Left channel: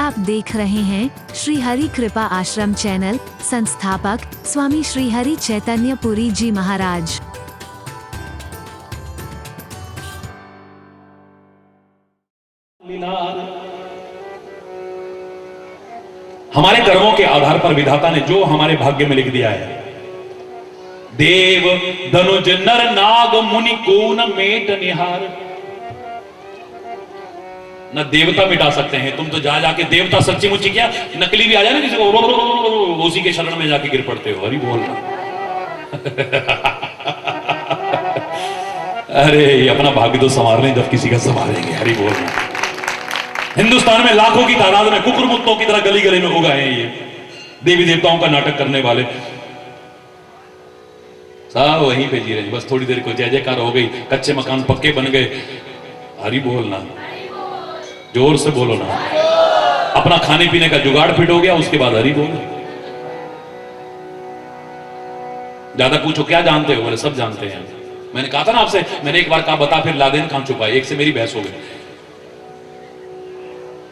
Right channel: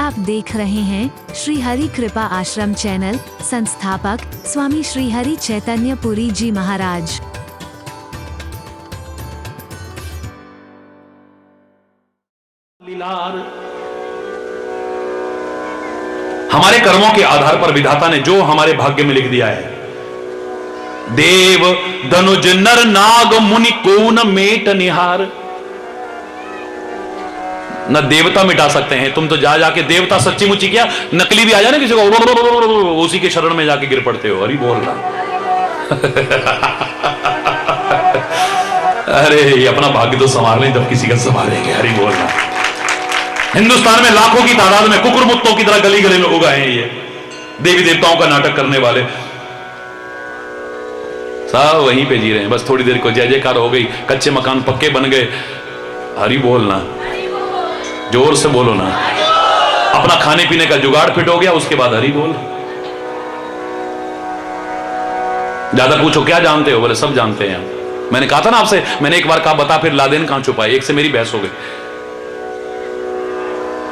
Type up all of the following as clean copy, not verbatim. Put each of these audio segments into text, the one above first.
आप देख रहे हैं श्री हरि कृपा आश्रम चैनल। संस्थापक स्वामी श्री हरि चैतन्य पुरी जी महाराज। हमारे कर्मों के आधार पर विधाता ने जो हमारे भाग्य में लिख दिया है, देव धनुज नर नाग मुनि को न मेट निहार। न देवता मिटा सकते हैं। तुम तो जा जाके देवता सच्ची मुच्ची क्या नकली भी आ जाए ना किसी को, उसी के शरण में जाके गिर पड़ते हो। अरे बोल रहा अरे ये अपना भाग्य तो संभाल लें तब किसी का संभालेंगे। हरी बोल रहा। हिंदुस्तान में लाखों की तादाद में कुकुर मुत्तों की तरह गली गली लोग आए हैं, ये देवी देवताओं का नाटक करने वाले सब वहीं पे जी रहे हैं। बस थोड़ी देर को जय जयकार हो गई, कच्चे मकान पक्के बन गए। हरी बोलना, जोर से बोलो ना। अपना खाने पीने का जुगाड़ फिट हो गया, उसके बाद हरी बोल। ज्यादा पूछो क्या जानते हो, बोले सब जानते हैं। मैंने कहा था ना आपसे, मैंने एक बार कहा बता फिर लादेन कहां छुपा है। एक से मेरी बहस हो गई,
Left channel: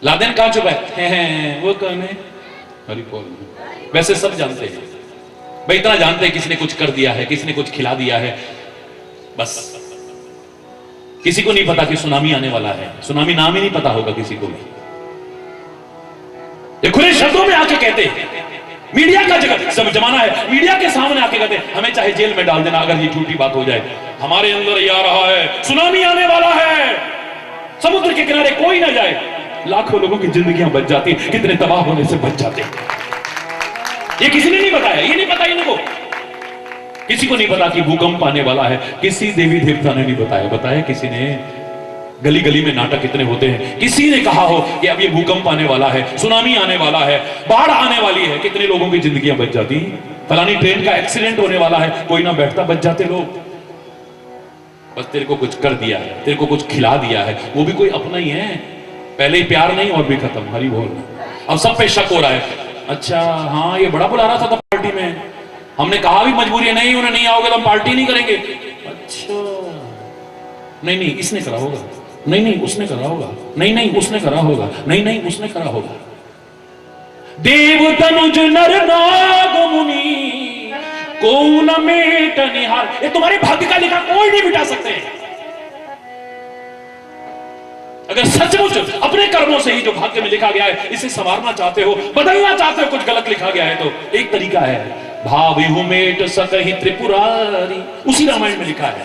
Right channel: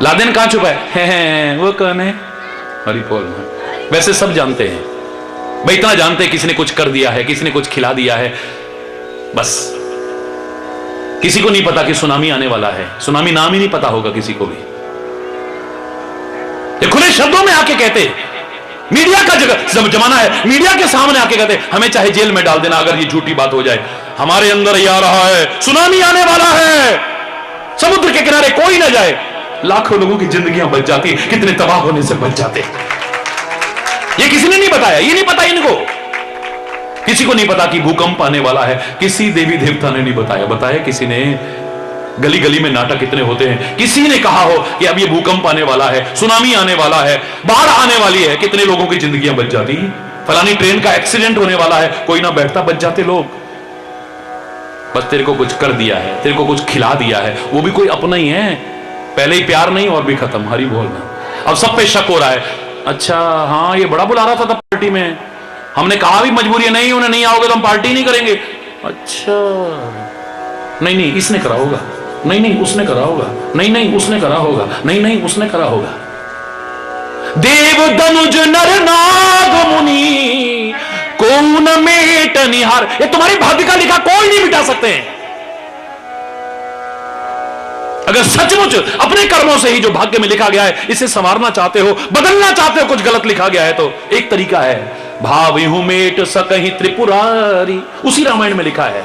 लादेन कहां छुपा है वो कौन है। हरी बोलना। वैसे सब जानते हैं भाई, इतना जानते हैं किसी ने कुछ कर दिया है, किसी ने कुछ खिला दिया है। बस किसी को नहीं पता कि सुनामी आने वाला है। सुनामी नाम ही नहीं पता होगा किसी को भी। ये खुले शब्दों में आके कहते, मीडिया का जगह जमाना है, मीडिया के सामने आके कहते हमें चाहे जेल में डाल देना अगर ये झूठी बात हो जाए। हमारे अंदर ये आ रहा है, सुनामी आने वाला है, समुद्र के किनारे कोई ना जाए। लाखों लोगों की जिंदगियां बच जाती, कितने तबाह होने से बच जाते। ये किसी ने नहीं बताया, ये नहीं पता इनको। किसी को नहीं पता कि भूकंप आने वाला है, किसी देवी देवता ने नहीं बताया। बताया किसी ने? गली गली में नाटक इतने होते हैं। किसी ने कहा हो कि अब ये भूकंप आने वाला है, सुनामी आने वाला है, बाढ़ आने वाली है, कितने लोगों की जिंदगियां बच जाती। फलानी ट्रेन का एक्सीडेंट होने वाला है, कोई ना बैठता, बच जाते लोग। बस तेरे को कुछ कर दिया है, तेरे को कुछ खिला दिया है, वो भी कोई अपना ही है। पहले ही प्यार नहीं और भी खत्म। हरी बोलना। अब सब पे शक हो रहा है। अच्छा हाँ, ये बड़ा बुला रहा था पार्टी में, हमने कहा भी मजबूरी है, नहीं उन्हें नहीं आओगे तो हम पार्टी नहीं करेंगे। अच्छा नहीं नहीं इसने करा होगा, नहीं नहीं उसने करा होगा, नहीं नहीं उसने करा होगा, नहीं नहीं उसने करा होगा। देव धनुज नर नाग मुनि को न मेट निहार। ये तुम्हारी भाग्य का लिखा कोई नहीं मिटा सकते हैं। अगर सचमुच अपने कर्मों से ही जो भाग्य में लिखा गया है इसे संवारना चाहते हो, बदलना चाहते हो, कुछ गलत लिखा गया है तो एक तरीका है, भावेहु मेट सकहि त्रिपुरारी। उसी रामायण में लिखा है।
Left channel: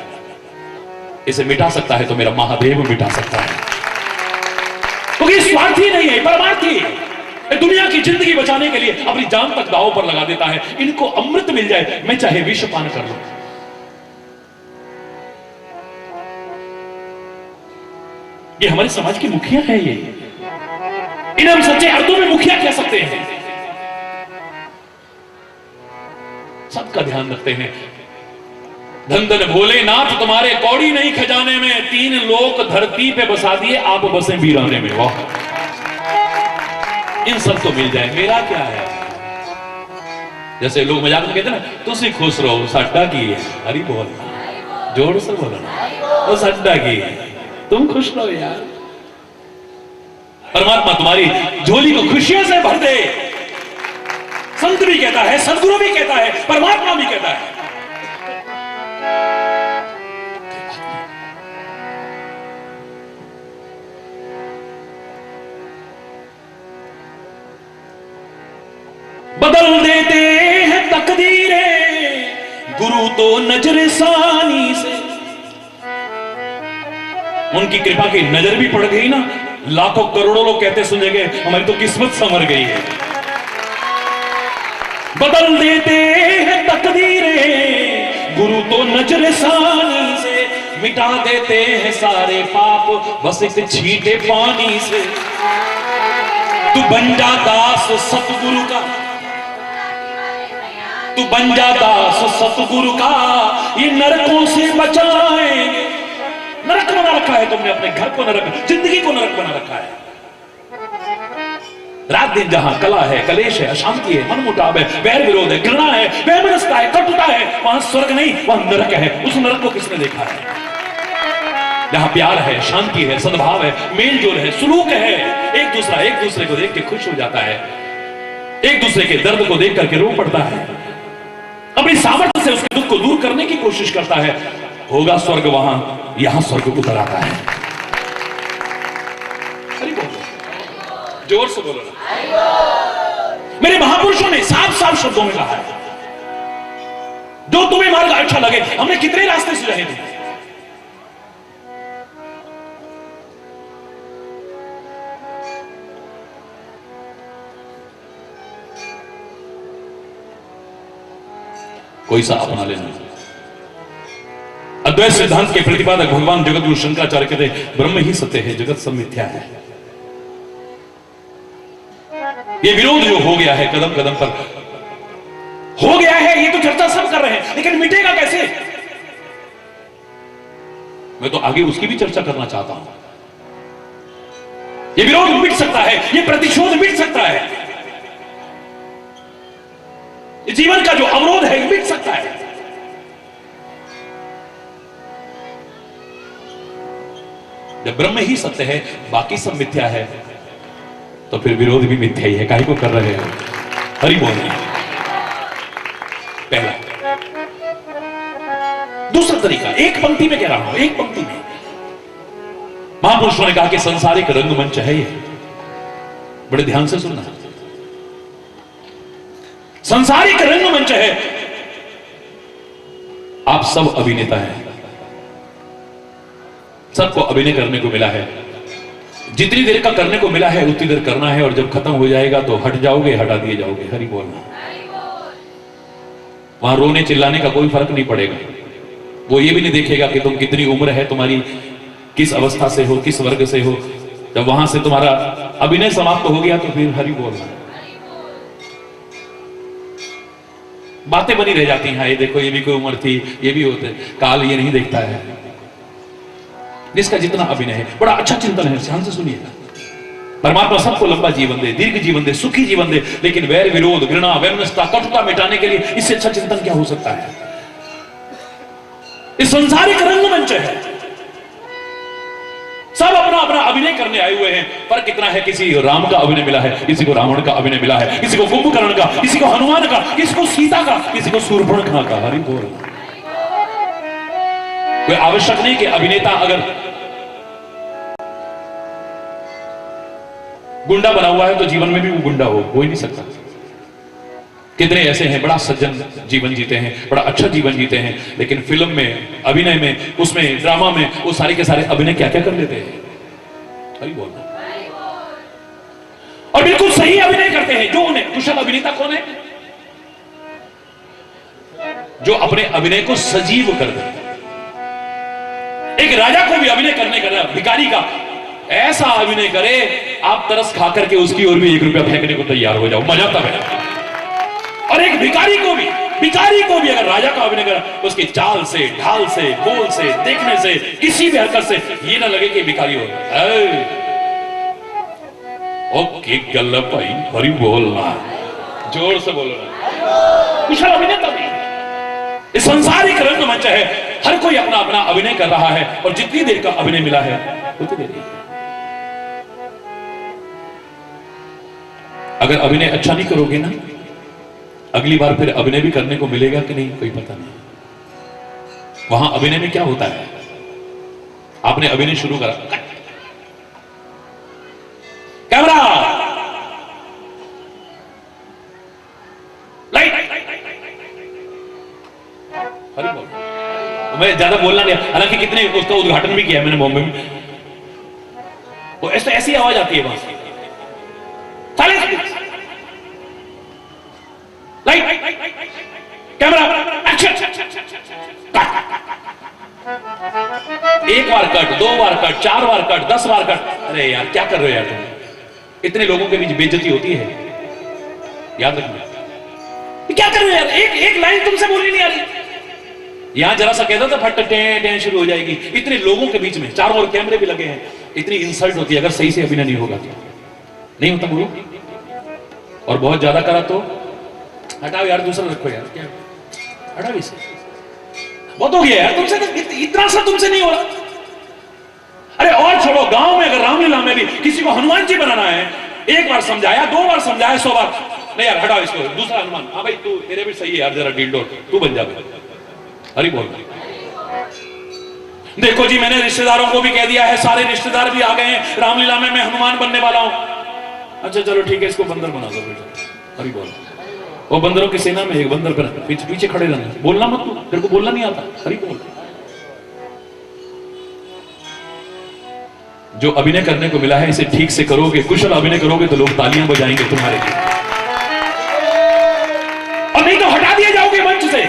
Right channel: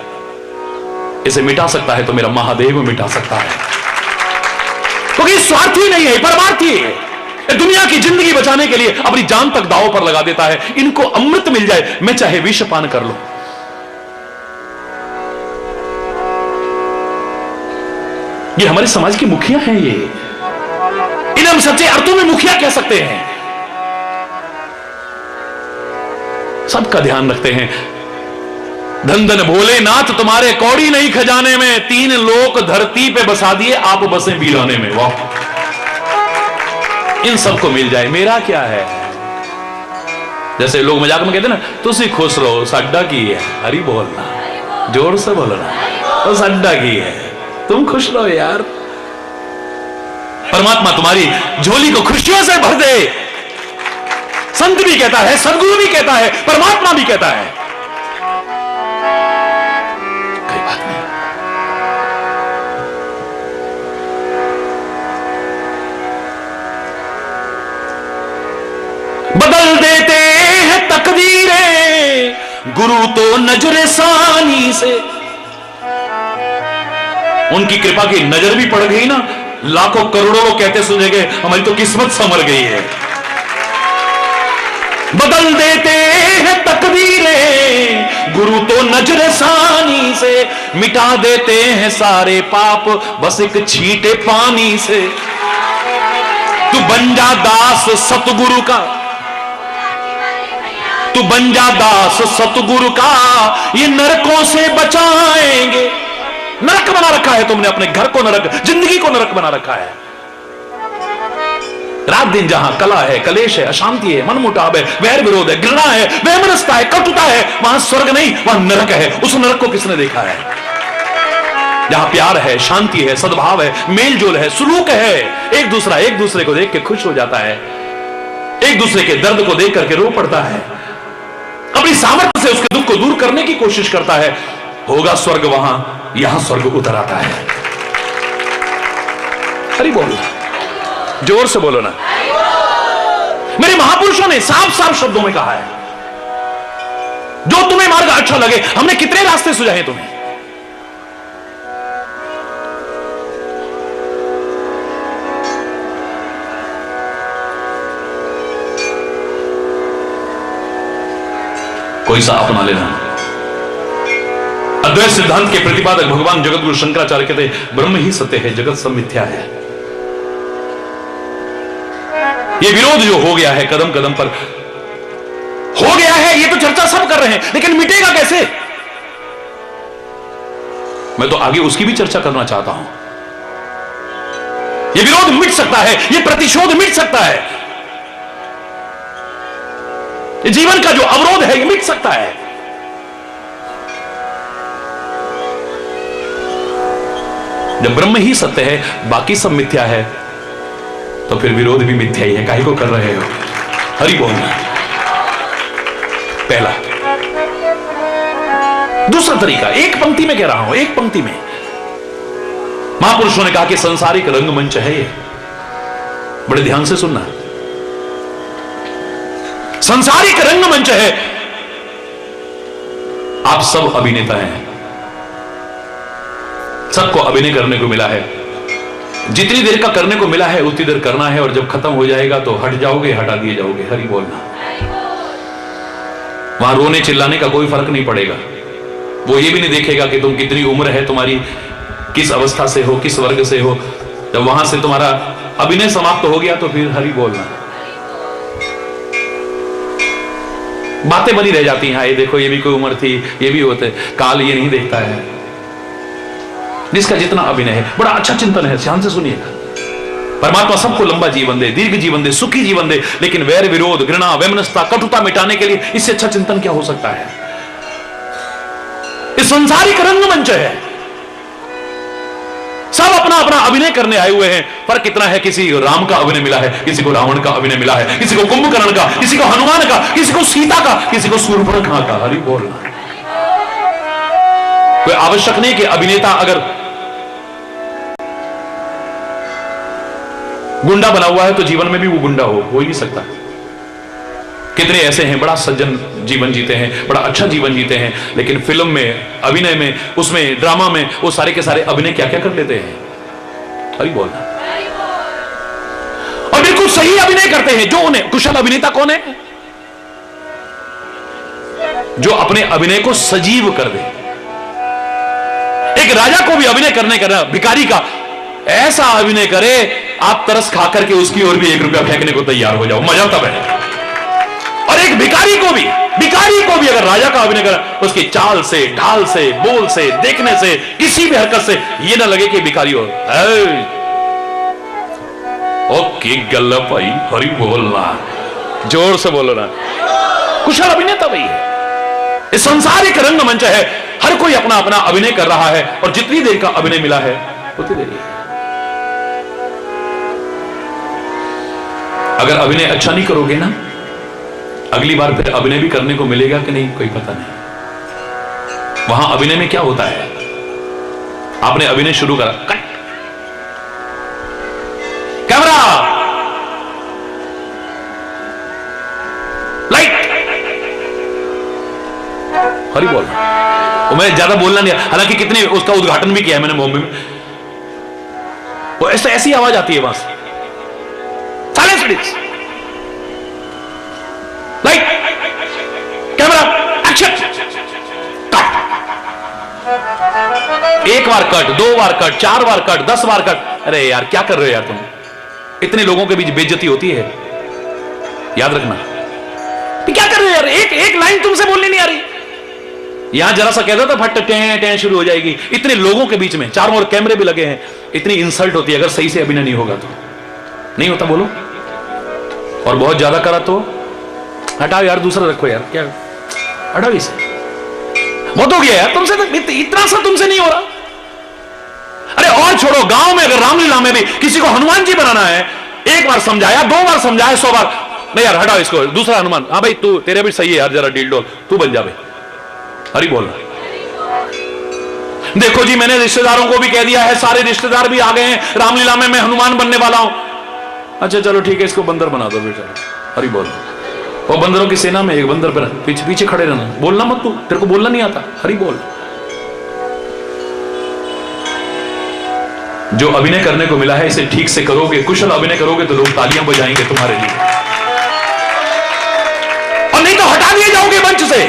इसे मिटा सकता है तो मेरा महादेव मिटा सकता है, क्योंकि स्वार्थी नहीं है, परमार्थी है। दुनिया की जिंदगी बचाने के लिए अपनी जान तक दांव पर लगा देता है। इनको अमृत मिल जाए, मैं चाहे विष पान कर लूं। ये हमारे समाज की मुखिया है। ये इन्हें हम सच्चे अर्थों में मुखिया कह सकते हैं। सबका ध्यान रखते हैं। धन धन भोलेनाथ तुम्हारे कौड़ी नहीं खजाने में, 3 लोक धरती पे बसा दिए, आप बसे वीराने में। वाह, इन सबको मिल जाए, मेरा क्या है। जैसे लोग मजाक में कहते हैं ना, तुसी खुश रहो साड्डा की है। हरी बोलना, जोर से बोलना, वो साड्डा की है, तुम खुश रहो यार। परमात्मा तुम्हारी झोली को खुशियों से भर दे। संत भी कहता है, सदगुरु भी कहता है, परमात्मा भी कहता है। कोई बात नहीं। बदल देते हैं तकदीरें गुरु तो नजर सानी से। उनकी कृपा की नजर भी पड़ गई ना, लाखों करोड़ों लोग कहते सुनेंगे हमारी तो किस्मत संवर गई है। बदल देते हैं तकदीरें गुरु तो नजर सानी से, मिटा देते हैं सारे पाप बस एक छींटे पानी से। तू बन जा दास सतगुरु का, तू बन जा दास सतगुरु का, ये नरकों से बचाएंगे। नरक बना रखा है तुमने, अपने घर को नरक, जिंदगी को नरक बना रखा है। रात दिन जहां कला है, कलेश है, अशांति है, मनमुटाव है, वैर विरोध है, घृणा है, वैमनस्यता है, कटुता है, वहां स्वर्ग नहीं वहां नरक है। उस नरक को किसने देखा है? जहां प्यार है, शांति है, सद्भाव है, मेल जोल है, सुलूक है, एक दूसरे को देख के खुश हो जाता है, एक दूसरे के दर्द को देख करके रो पड़ता है, अपनी सामर्थ्य से उसके दुख को दूर करने की कोशिश करता है, होगा स्वर्ग वहां, यहां स्वर्ग उतर आता है। हरि बोलो, जोर से बोलो ना। मेरे महापुरुषों ने साफ साफ शब्दों में कहा है, जो तुम्हें मार्ग अच्छा लगे। हमने कितने रास्ते सुझाए तुम्हें, कोई सा अपना लेना। अद्वैत सिद्धांत के प्रतिपादक भगवान जगतगुरु शंकराचार्य कहते ब्रह्म ही सत्य है, जगत सब मिथ्या है। ये विरोध जो हो गया है कदम कदम पर हो गया है, ये तो चर्चा सब कर रहे हैं, लेकिन मिटेगा कैसे? मैं तो आगे उसकी भी चर्चा करना चाहता हूं। ये विरोध मिट सकता है, ये प्रतिशोध मिट सकता है, ये जीवन का जो अवरोध है ये मिट सकता है। जब ब्रह्म ही सत्य है, बाकी सब मिथ्या है, तो फिर विरोध भी मिथ्या ही है। काहे को कर रहे हो? हरि बोल। पहला। दूसरा तरीका, एक पंक्ति में कह रहा हूं, एक पंक्ति में महापुरुषों ने कहा कि संसारिक रंगमंच है ये, बड़े ध्यान से सुनना। संसारिक रंगमंच है, आप सब अभिनेता हैं, सबको अभिनय करने को मिला है, जितनी देर का करने को मिला है उतनी देर करना है, और जब खत्म हो जाएगा तो हट जाओगे, हटा दिए जाओगे। हरि बोलना। वहां रोने चिल्लाने का कोई फर्क नहीं पड़ेगा, वो ये भी नहीं देखेगा कि तुम कितनी उम्र है तुम्हारी, किस अवस्था से हो, किस वर्ग से हो। जब वहां से तुम्हारा अभिनय समाप्त हो गया तो फिर हरि बोलना। बातें बनी रह जाती हैं, ये देखो ये भी कोई उम्र थी, ये भी होते, काल ये नहीं देखता है। जिसका जितना अभिनय है, बड़ा अच्छा चिंतन है, ध्यान से सुनिएगा। परमात्मा सबको लंबा जीवन दे, दीर्घ जीवन दे, सुखी जीवन दे, लेकिन वैर विरोध, घृणा, वैमनस्यता, कटुता मिटाने के लिए इससे अच्छा चिंतन क्या हो सकता है? इस संसारिक रंगमंच है, सब अपना अपना अभिनय करने आए हुए हैं। फर्क इतना है, किसी राम का अभिनय मिला है, किसी को रावण का अभिनय मिला है, किसी को कुंभकर्ण का, किसी को हनुमान का, किसी को सीता का, किसी को शूर्पणखा का। हरि बोल। कोई आवश्यक नहीं कि अभिनेता अगर गुंडा बना हुआ है तो जीवन में भी वो गुंडा हो ही नहीं सकता। कितने ऐसे हैं बड़ा सज्जन जीवन जीते हैं, बड़ा अच्छा जीवन जीते हैं, लेकिन फिल्म में, अभिनय में, उसमें ड्रामा में वो सारे के सारे अभिनय क्या क्या कर लेते हैं। अभी बोलना। और बिल्कुल सही अभिनय करते हैं। जो उन्हें कुशल अभिनेता कौन है? जो अपने अभिनय को सजीव कर दे। एक राजा को भी अभिनय करने का, भिखारी का ऐसा अभिनय करे आप तरस खा करके उसकी ओर भी 1 रुपया फेंकने को तैयार हो जाओ, मजा तब है। और एक भिखारी को भी अगर राजा का अभिनय करे, उसकी चाल से, ढाल से, बोल से, देखने से, किसी भी हरकत से ये ना लगे कि भिखारी हो। ओके गल्ला भाई, हरि बोलना, जोर से बोलो ना। कुशल अभिनेता भाई है। इस संसारिक रंगमंच है, हर कोई अपना अपना अभिनय कर रहा है, और जितनी देर का अभिनय मिला है उतनी देर। अगर अभिनय अच्छा नहीं करोगे ना, अगली बार फिर अभिनय भी करने को मिलेगा कि नहीं कोई पता नहीं। वहां अभिनय में क्या होता है, आपने अभिनय शुरू करा, कट, कैमरा, लाइट। हरि बोल। वो मैं ज्यादा बोलना नहीं, हालांकि कितने उसका उद्घाटन भी किया है मैंने बॉम्बे में। वो ऐसी आवाज आती है वहां से, साइलेंस, लाइट, कैमरा, एक्शन। एक बार कट, 2 बार कट, 4 बार कट, 10 बार कट। अरे यार क्या कर रहे हो यार तुम? इतने लोगों के बीच बेइज्जती होती है, याद रखना। क्या कर रहे हो यार? एक लाइन तुमसे बोलनी नहीं आ रही। यहां जरा सा कहता था फट टें शुरू हो जाएगी। इतने लोगों के बीच में, चारों ओर कैमरे भी लगे हैं, इतनी इंसल्ट होती है अगर सही से अभिनय नहीं होगा तो। नहीं होता बोलो। और बहुत ज्यादा करा तो हटाओ यार, दूसरा रखो यार, क्या हटाओ इसे, बहुत हो गया यार तुमसे, तो इतना सा तुमसे नहीं हो रहा। अरे और छोड़ो, गांव में अगर रामलीला में भी किसी को हनुमान जी बनाना है, एक बार समझाया, 2 बार समझाया, 100 बार नहीं यार हटाओ इसको, दूसरा हनुमान, हाँ भाई तू, तेरे भी सही है यार, जरा डील डोल, तू बन जा भाई, हरी बोल। देखो जी, मैंने रिश्तेदारों को भी कह दिया है, सारे रिश्तेदार भी आ गए हैं, रामलीला में मैं हनुमान बनने वाला हूं। अच्छा चलो ठीक है, इसको बंदर बना दो बेटा, हरी बोल। वो बंदरों की सेना में एक बंदर पर पीछे पीछे खड़े रहना, बोलना मत, तू, तेरे को बोलना नहीं आता, हरी बोल। जो अभिनय करने को मिला है इसे ठीक से करोगे, कुशल अभिनय करोगे तो लोग तालियां बजाएंगे तुम्हारे लिए, और नहीं तो हटा दिए जाओगे मंच से,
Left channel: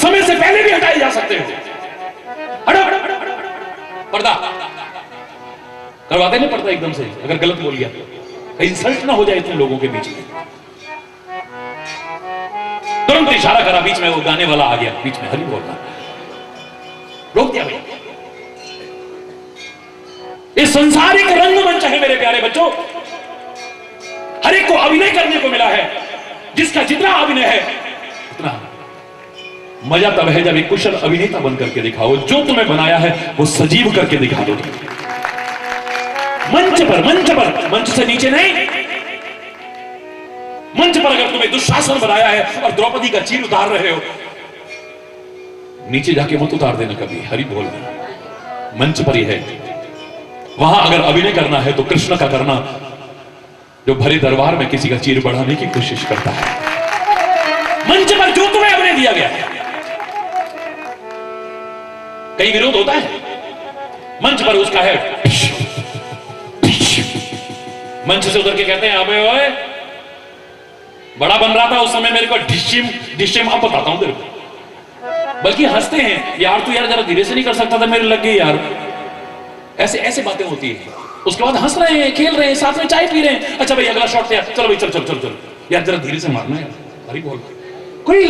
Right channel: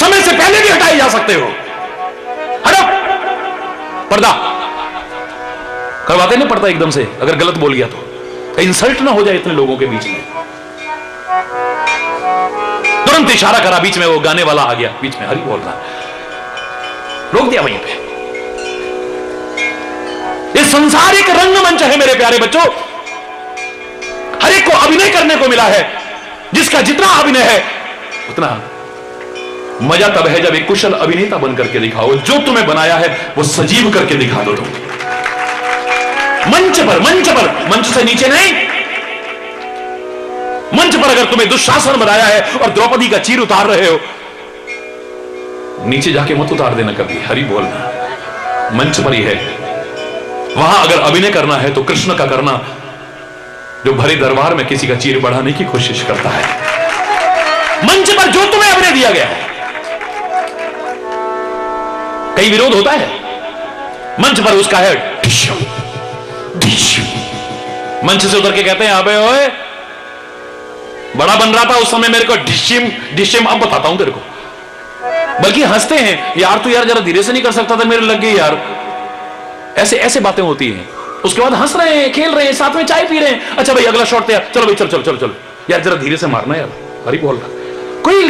समय से पहले भी हटाए जा सकते हो। हटो, पर्दा करवाते ना पर्दा एकदम से, अगर गलत बोल गया तो इंसल्ट ना हो जाए इतने लोगों के बीच में। तुरंत इशारा करा, बीच में वो गाने वाला आ गया, बीच में हरी बोल रहा, रोक दिया वहीं पे। ये संसार एक रंगमंच है मेरे प्यारे बच्चों, हर एक को अभिनय करने को मिला है, जिसका जितना अभिनय है उतना मजा तब है जब एक कुशल अभिनेता बन करके दिखाओ। जो तुम्हें बनाया है वो सजीव करके दिखा दो तुम, मंच पर, मंच से नीचे नहीं। मंच पर अगर तुम्हें दुशासन बनाया है और द्रौपदी का चीर उतार रहे हो, नीचे जाके मत उतार देना कभी, हरि बोलना, मंच पर ही है। वहां अगर अभिनय करना है तो कृष्ण का करना, जो भरी दरबार में किसी का चीर बढ़ाने की कोशिश करता है। मंच पर जो तुम्हें अभिनय दिया गया है, कई विरोध होता है मंच पर, उसका है मंच से उतर के कहते हैं अबे ओए, बड़ा बन रहा था उस समय मेरे को डिशिम, अब बताता हूं तेरे को। बल्कि हंसते हैं, यार तू यार जरा धीरे से नहीं कर सकता था, मेरे लग गई यार। ऐसे ऐसे बातें होती हैं। उसके बाद हंस रहे हैं, खेल रहे हैं, साथ में चाय पी रहे हैं, अच्छा भाई अगला शॉट तैयार, चलो भाई चल चल चल चल यार, जरा धीरे से मारना यार, हरी बोल रहा।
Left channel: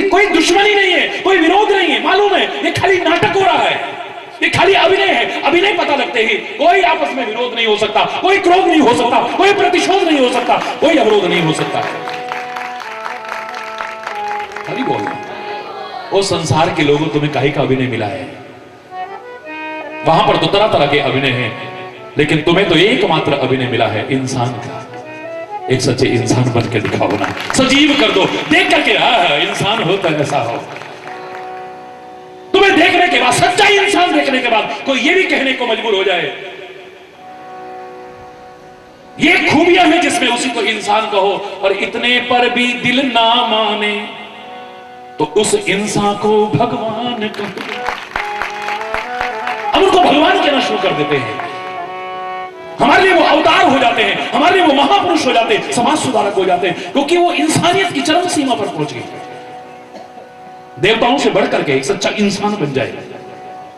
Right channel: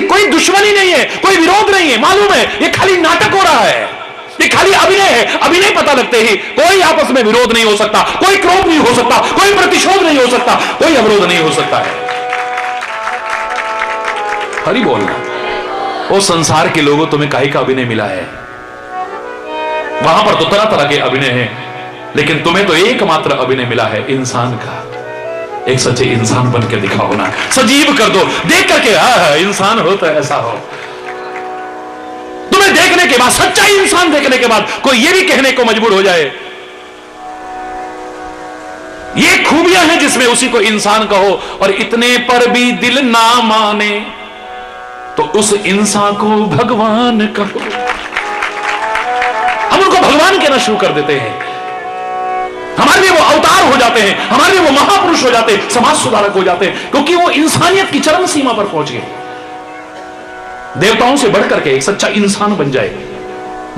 कोई दुश्मनी नहीं है, कोई विरोध नहीं है, मालूम है ये खाली नाटक हो रहा है, ये खाली अभिनय है। अभिनय पता लगते ही कोई आपस में विरोध नहीं हो सकता, कोई क्रोध नहीं हो सकता, कोई प्रतिशोध नहीं हो सकता, कोई अवरोध नहीं हो सकता है, हरी बोल रहा। वो संसार के लोगों तुम्हें काहे का अभिनय मिला है, वहां पर तो तरह तरह के अभिनय है, लेकिन तुम्हें तो एकमात्र अभिनय मिला है इंसान का। एक सच्चे इंसान बन के दिखाओ ना, सजीव कर दो, देख करके इंसान हो तो ऐसा हो। तुम्हें देखने के बाद, सच्चा इंसान देखने के बाद कोई ये भी कहने को मजबूर हो जाए ये खूबियां हैं जिसमें उसी को इंसान कहो, और इतने पर भी दिल ना माने तो उस इंसान को भगवान कहो। हम उनको भगवान कहना शुरू कर देते हैं, हमारे लिए वो अवतार हो जाते हैं, हमारे लिए वो महापुरुष हो जाते हैं, समाज सुधारक हो जाते हैं, क्योंकि वो इंसानियत की चरम सीमा पर पहुंच गए, देवताओं से बढ़कर के एक सच्चा इंसान बन जाए।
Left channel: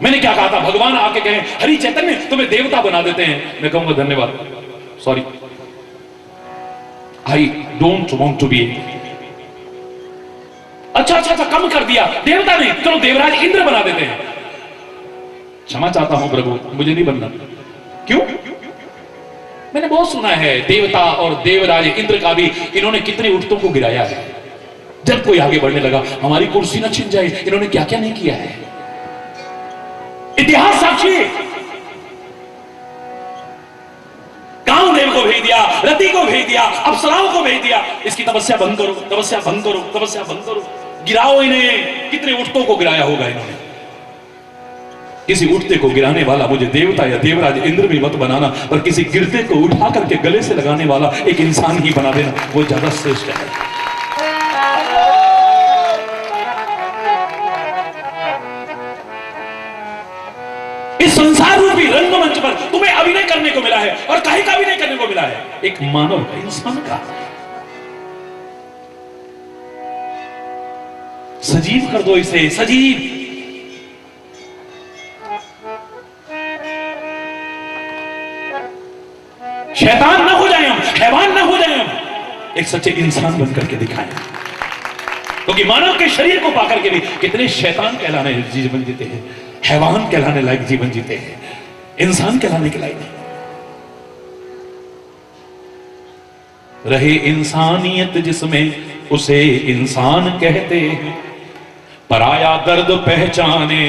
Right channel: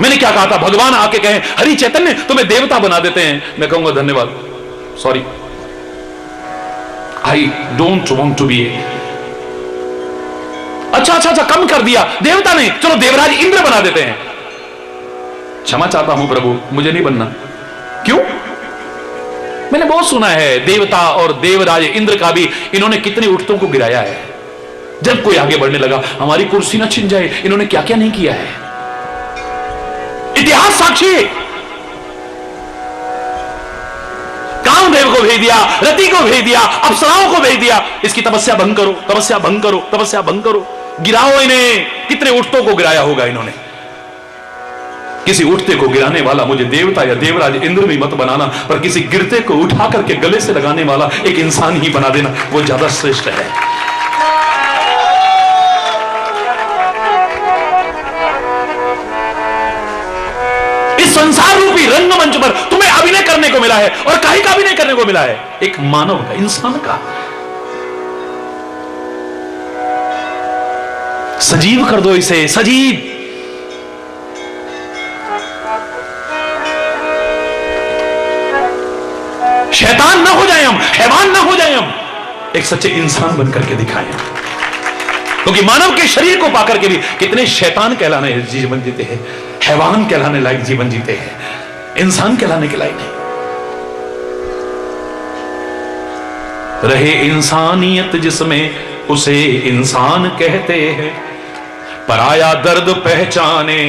मैंने क्या कहा था, भगवान आके कहे हरि चैतन्य तुम्हें देवता बना देते हैं, मैं कहूंगा धन्यवाद, sorry, I don't want to be. अच्छा अच्छा अच्छा, कम कर दिया, देवता नहीं, चलो देवराज इंद्र बना देते हैं। क्षमा चाहता हूं प्रभु, मुझे नहीं बनना। क्यों? मैंने बहुत सुना है देवता और देवराज इंद्र का भी इन्होंने कितने उठतों को गिराया है। जब कोई आगे बढ़ने लगा, हमारी कुर्सी ना छिन जाए, इन्होंने क्या क्या नहीं किया है, इतिहास साक्षी। कामदेव को भेज दिया, रति को भेज दिया, अप्सराओं को भेज दिया, इसकी तपस्या भंग करो, तपस्या भंग करो, तपस्या भंग करो, गिराओ इन्हें। कितने उठतों को गिराया होगा इन्होंने। किसी उठते को गिराने वाला मुझे देवता या देवराज इंद्र भी मत बनाना, पर किसी गिरते को उठा करके गले से लगाने वाला एक इंसान ही बना देना, वो ज्यादा श्रेष्ठ है। इस संसार रूपी रंगमंच पर तुम्हें अभिनय करने को मिला है, और काहे का अभिनय करने को मिला है? एक मानव का, इंसान का। सजीव कर दो इसे, सजीव। शैतान ना हो जाए हम, हैवान ना हो जाए हम, एक सच्चे इंसान बनकर के दिखाएं। क्योंकि मानव के शरीर को पाकर के भी कितने शैतान कहलाने जीवन जीते हैं, हैवान कहलाने लायक जीवन जीते हैं, इंसान कहलाने के लायक नहीं। रहे इंसानियत जिसमें उसे इंसान कहते हैं, पराया दर्द पहचाने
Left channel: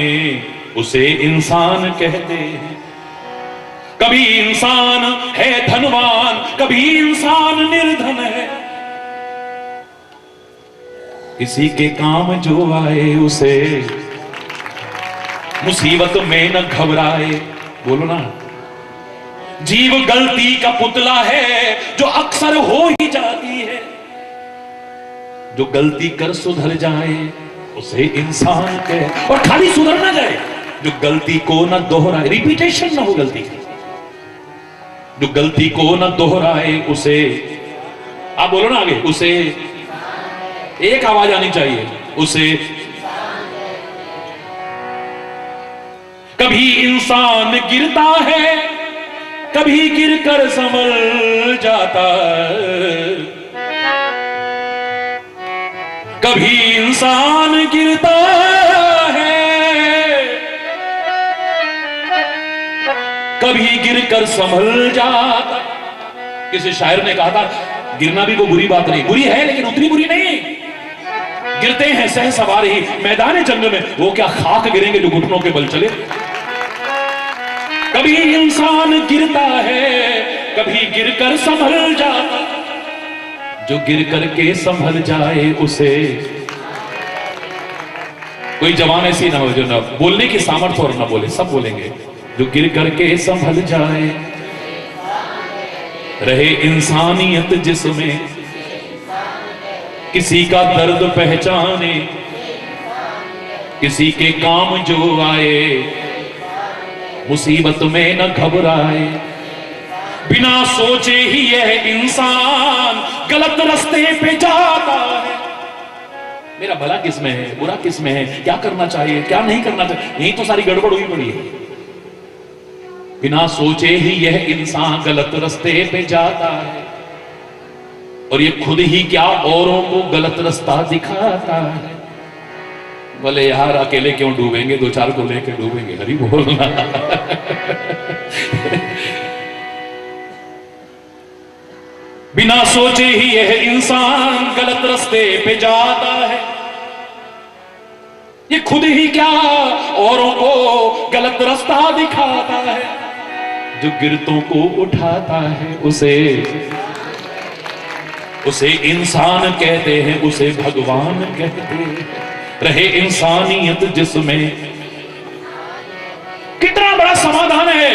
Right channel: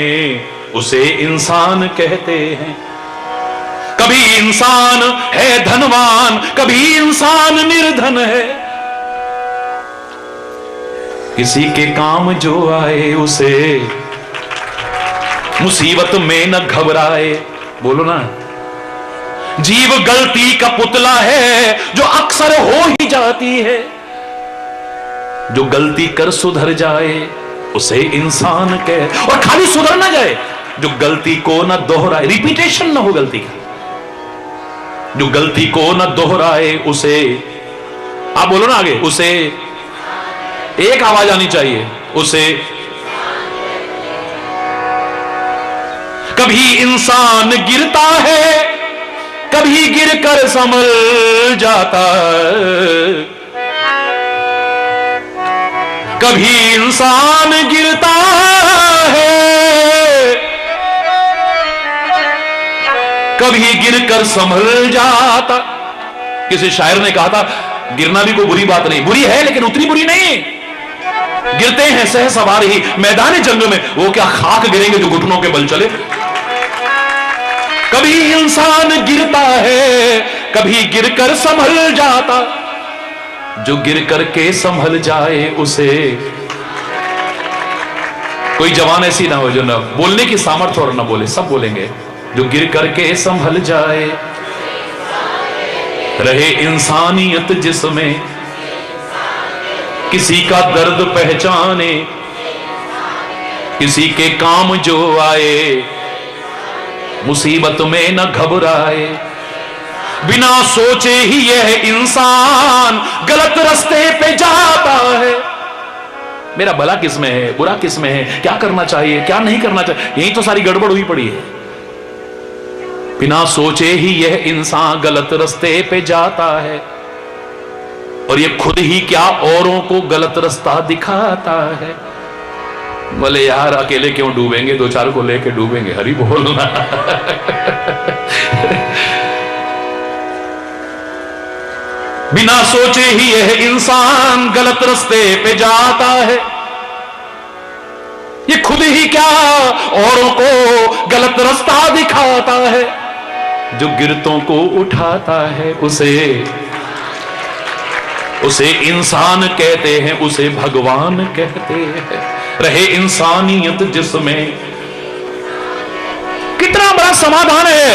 उसे इंसान कहते हैं। कभी इंसान है धनवान, कभी इंसान निर्धन है। किसी के काम जो आए उसे मुसीबत में न घबराए। बोलो ना, जीव गलती का पुतला है जो अक्सर हो ही जाती है। जो गलती कर सुधर जाए उसे इंसान कहे, और खाली सुधर ना जाए, जो गलती को न दोहराए, रिपीटेशन ना हो गलती का, जो गलती को न दोहराए उसे, आप बोलो ना आगे, उसे एक आवाज आनी चाहिए, उसे। कभी इंसान गिरता है, कभी गिरकर संभल जाता है। कभी इंसान गिरता है, कभी गिरकर संभल जाता। किसी शायर ने कहा था, गिरना भी कोई बुरी बात नहीं, बुरी है लेकिन उतनी बुरी नहीं। गिरते हैं सह सवार ही मैदान जंग में, वो क्या खाक गिरेंगे जो घुटनों के बल चले। कभी इंसान गिरता है, कभी गिरकर संभल जाता। जो गिर करके संभल जाए उसे, कोई जवान ऐसी ना हो जो ना बोलने की सामर्थ्य और ना बोले, सब बोलेंगे। जो गिर करके संभल जाए, रहे इंसानियत जिसमें, किसी का दर्द पहचाने, किसी के काम जो आए, मुसीबत में न घबराए। बिना सोचे ही यह इंसान गलत रास्ते पे जाता है। मेरा भला किसमें है, बुरा किसमें है, क्या करना चाहिए, क्या नहीं करना चाहिए, यही तो सारी गड़बड़ हुई पड़ी है। बिना सोचे ही यह इंसान गलत रास्ते पे जाता है, और ये खुद ही क्या औरों को गलत रास्ता दिखाता है। बोले यार अकेले क्यों डूबेंगे, दो चार को लेके डूबेंगे, हरि बोलना। बिना सोचे ही यह इंसान गलत रास्ते पे जाता है। ये खुद ही क्या औरों को गलत रास्ता दिखाता है। जो गिरतों को उठाता है उसे इंसान कहते हैं, उसे भगवान कहते हैं। रहे इंसानियत जिसमें, कितना बड़ा समाधान है।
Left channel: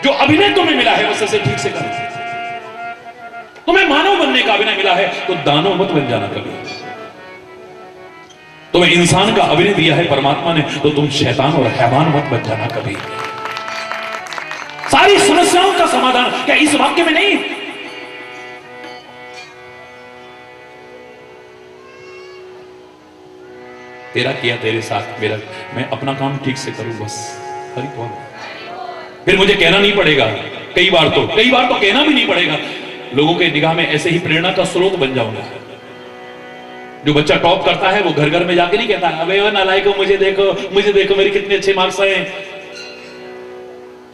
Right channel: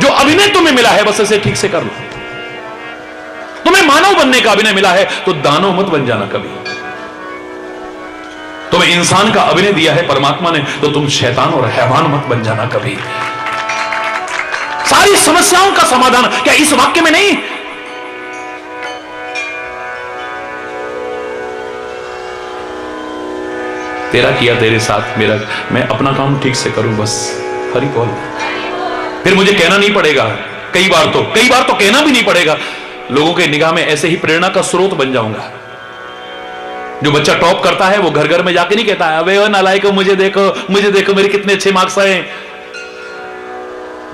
जो अभिनय तुम्हें मिला है बस इसे ठीक से कर लो। तुम्हें मानव बनने का अभिनय मिला है तो दानव मत बन जाना कभी। तुम्हें इंसान का अभिनय दिया है परमात्मा ने तो तुम शैतान और हैवान मत बन जाना कभी। सारी समस्याओं का समाधान क्या इस वाक्य में नहीं? तेरा किया तेरे साथ मेरा, मैं अपना काम ठीक से करूं बस, हरि बोल। फिर मुझे कहना नहीं पड़ेगा, कई बार तो कहना भी नहीं पड़ेगा। लोगों के निगाह में ऐसे ही प्रेरणा का स्रोत बन जाऊंगा। जो बच्चा टॉप करता है वो घर घर में जाके नहीं कहता है अबे वो नालायको मुझे देखो मेरे कितने अच्छे मार्क्स आए।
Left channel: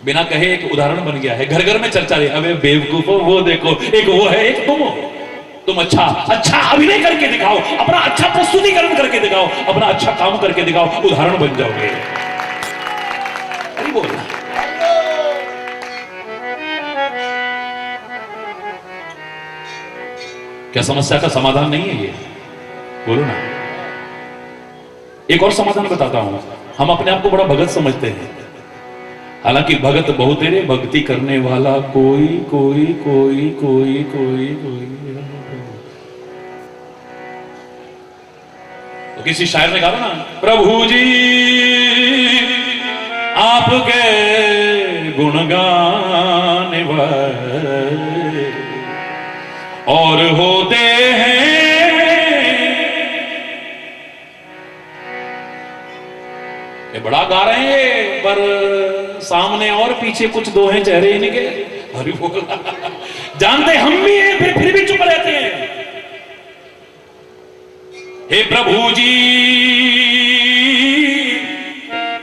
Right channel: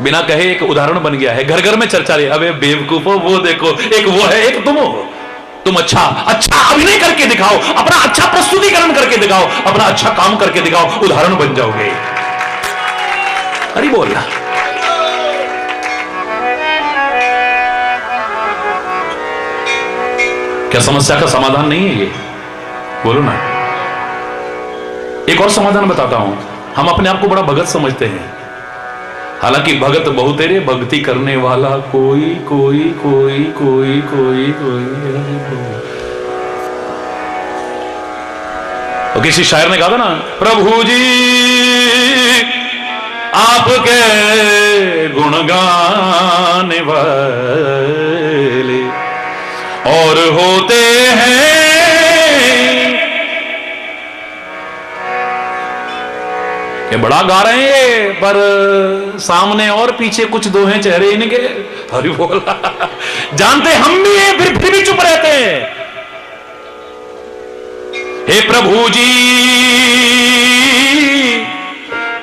बिना कहे एक उदाहरण बन गया है, घर घर में चर्चा रही, अबे बेवकूफो वो देखो, एक वो है एक तुम हो। तुम अच्छा अभिनय करके दिखाओ, अपना अच्छा प्रस्तुतिकरण करके दिखाओ, अपना अच्छा काम करके दिखाओ, उदाहरण बन जाओगे। अरे बोलना क्या समस्या का समाधान नहीं है ये? बोलो ना। एक और समाधान बताता हूं। हम अपने आप को बड़ा भगत समझते हैं, हालांकि भगत बहुत है, भक्ति करने वाला कोई कोई कोई कोई कोई कोई। तो किसी शायर ने कहा था ना, प्रभु जी आपके गुण गाने वाले और होते हैं। ये बड़ा गा रहे हैं पर सामने और पीछे कुछ दो हैं चेहरे इनके। हरि बोल। जानते हम भी हैं फिर भी चुप रहते हैं। हे प्रभु जी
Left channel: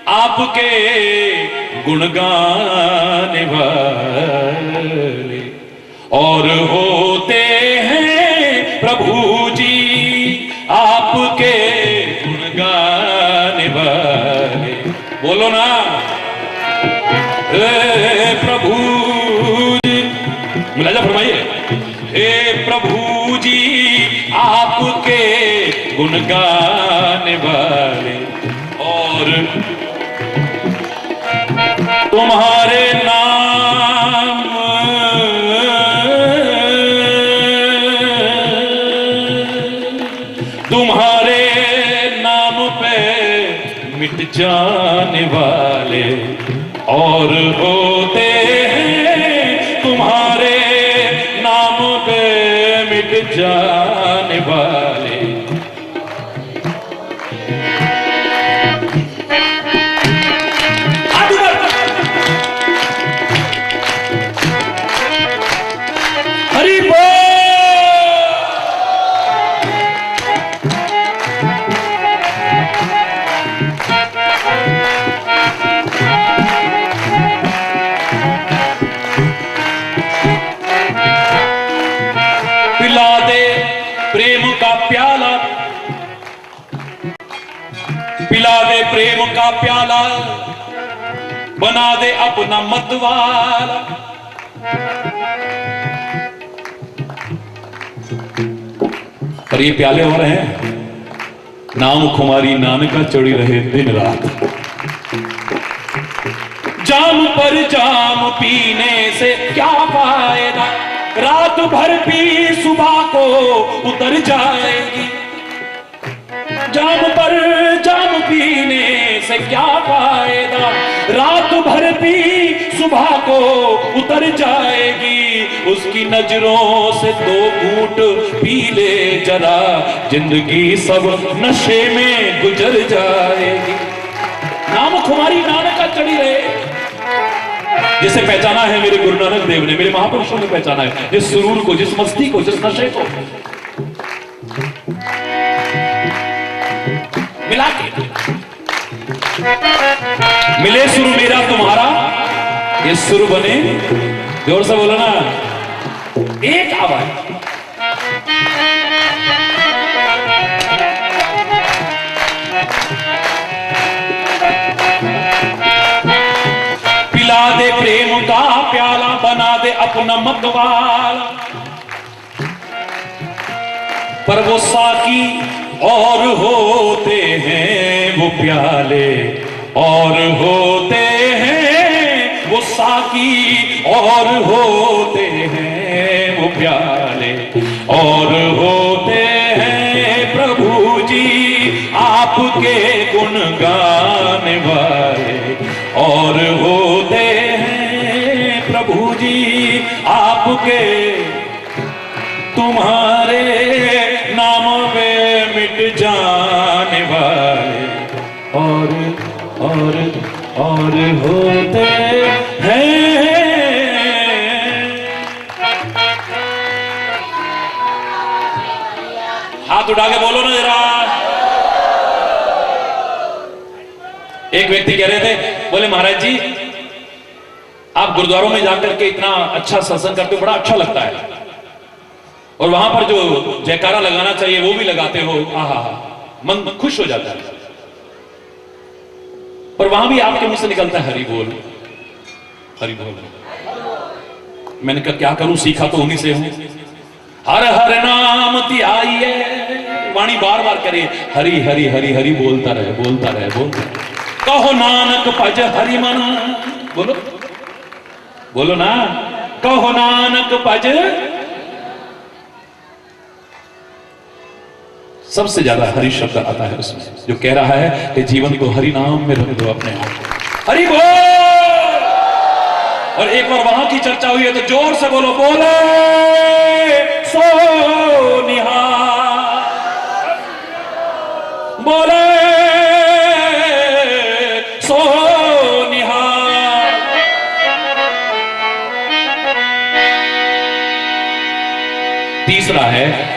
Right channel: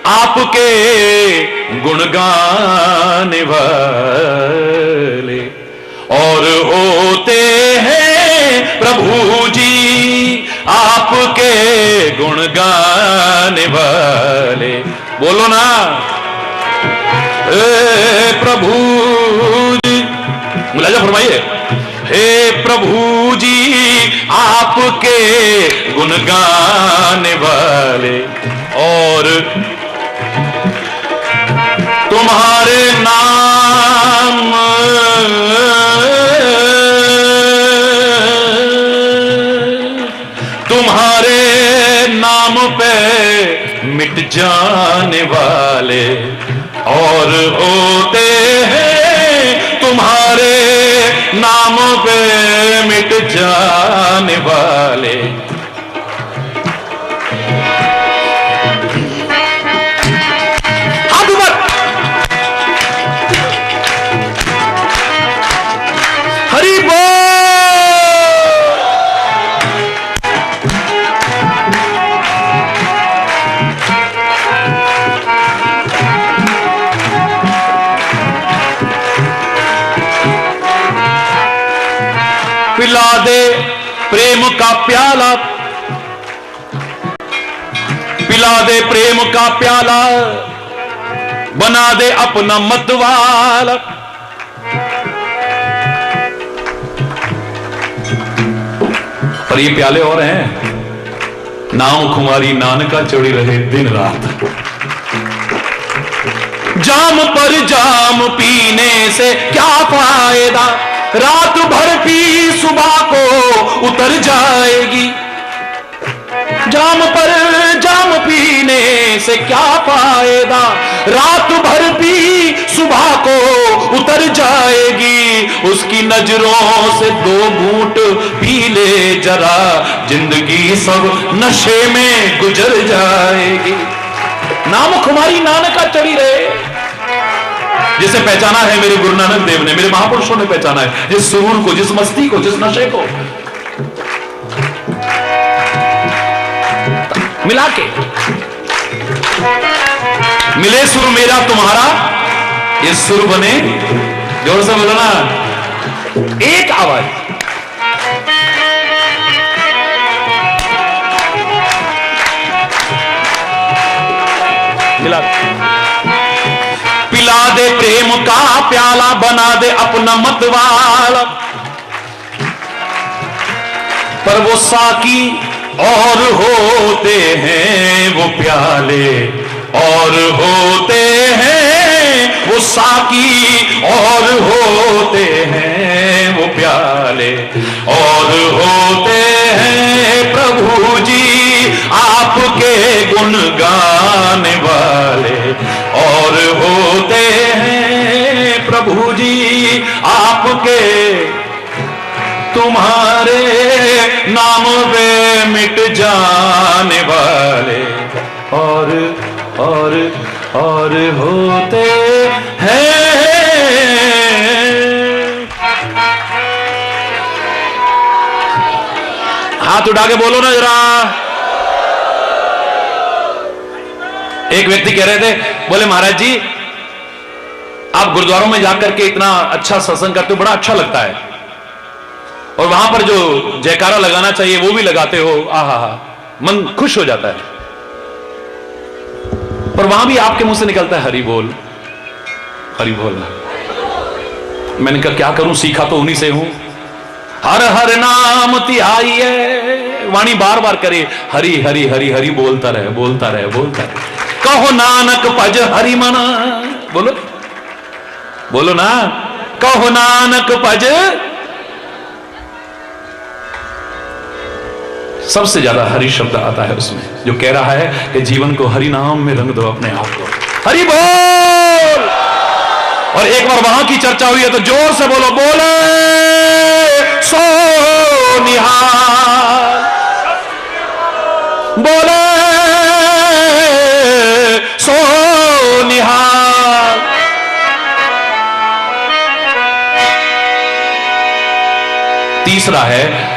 आपके गुण गाने वाले और होते हैं। प्रभु जी आपके गुण गाने वाले राजा फरमाइए, हे प्रभु जी आपके गुण गाने वाले और तुम्हारे नाम पे मिट जाने वाले और होते हैं तुम्हारे नाम पे मिट जाने वाले। हरि बोल। पिला दे प्रेम का प्याला, पिला दे प्रेम का प्याला, बना दे अपना मतवाला। पर ये प्याले और हैं, नाम खुमारी नानका चढ़ी रहे दिन रात। जाम पर जाम पीने से क्या फायदा, रात भर पी सुबह को उतर जाएगी। जाम पर जाम पीने से क्या फायदा, रात भर पी सुबह को उतर जाएगी। उसकी नजरों से दो घूंट पी ले जरा, जिंदगी सब नशे में गुजर जाएगी। नाम खुमारी नानका चढ़ी रहे, जिसे पहचाना है मेरे गुरु नानक देव ने, मेरे महापुरुषों ने पहचाना है, जिस सुरूर को, जिस मस्ती को, जिस नशे को मिला के मिले सुर मेरा तुम्हारा, ये सुर बने, जोर से बोलो ना, एक आवाज। मिला पिला दे प्रेम का प्याला, बना दे अपना मतवाला। पर वो साकी और होते हैं वो प्याले, और होते हैं वो साकी, और होते हैं वो प्याले, और होते हैं प्रभु जी आपके गुण गाने वाले, और होते हैं प्रभु जी आपके, तुम्हारे नाम पे मिट जाने वाले, और होते हैं। हाथ उठा के बोलो ना जरा। एक व्यक्ति कह रहे थे, बोले महाराज जी आप गुरुद्वारों में जाकर के इतना अच्छा सत्संग करते हो, बड़ा अच्छा लगता है, और वहां पर जो जयकारा लगाना चाहिए वो भी लगाते हो, आहा मन खुश हो जाता है। पर वहां भी आपके मुंह से निकलता है हरि बोल, हरि बोल। मैंने कहा क्या करूं, सीखा तो उन्हीं से हूं। हर हर नाम ध्याइए, वाणी बार बार करे, हरि हरि हरि हरि बोलता रहे, बोलता रहे, बोलता रहे। कहो नानक भज हरि मना, बोलो बोलो ना, कहो नानक भज। सबसे ज्यादा हरि शब्द आता है उसमें, जो कह रहा है कि जीवन को हरि नाम में रंग दो अपने आप को, हरि बोल। और एक बार वहां की चर्चा हुई है तो जोर से बोलो, बोले सो निहाल, बोले सो निहाल। तीसरा है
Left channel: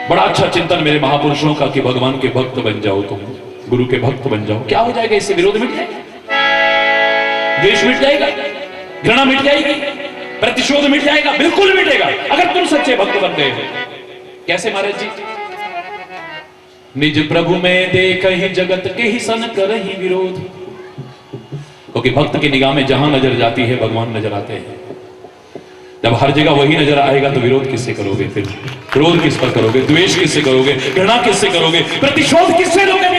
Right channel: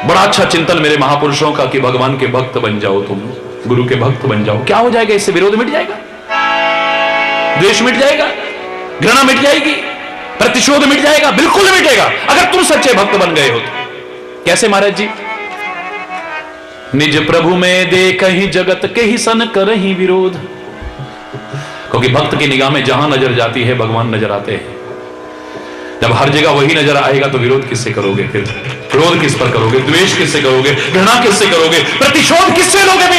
बड़ा अच्छा चिंतन मेरे महापुरुषों का कि भगवान के भक्त बन जाओ, तुम गुरु के भक्त बन जाओ। क्या हो जाएगा इससे? विरोध मिट जाएगा, द्वेष मिट जाएगा, घृणा मिट जाएगी, प्रतिशोध मिट जाएगा, बिल्कुल मिटेगा अगर तुम सच्चे भक्त बन गए हो तो। कैसे महाराज जी? निज प्रभु में देख ही जगत के ही सन करही विरोध, क्योंकि भक्त की निगाह में जहां नजर जाती है भगवान नजर आते हैं। जब हर जगह वही नजर आएगा तो विरोध किससे करोगे? फिर क्रोध किस पर करोगे? द्वेष किससे करोगे? घृणा किससे करोगे? प्रतिशोध किससे लोगे? भी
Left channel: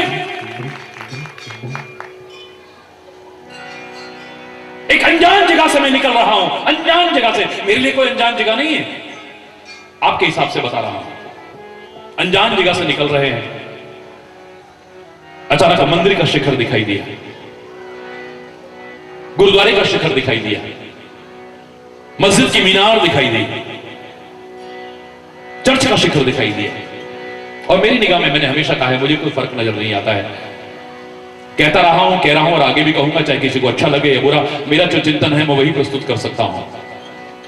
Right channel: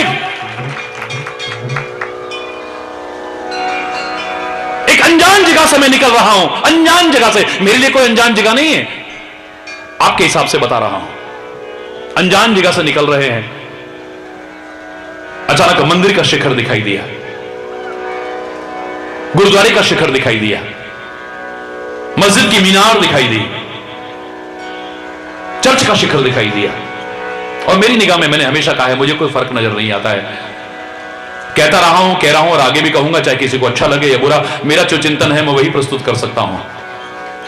एक अनजान जगह से मैं निकल रहा हूं, अनजान जगह से। मेरे लिए कोई अनजान जगह नहीं है, आपके हिसाब से बता रहा हूं। अनजान जगह से निकल रहे हैं, अचानक मंदिर का शिखर दिखाई दिया, गुरुद्वारे का शिखर दिखाई दिया, मस्जिद की मीनार दिखाई दी, चर्च का शिखर दिखाई दिया। और मेरी निगाह में, मैंने हमेशा कहा है, मुझे कोई फर्क नजर नहीं आता है, कहता रहा हूं, कह रहा हूं और आगे भी कहूंगा, चाहे किसी को अच्छा लगे या बुरा। मेरा जो चिंतन है मैं वही प्रस्तुत कर सकता हूं।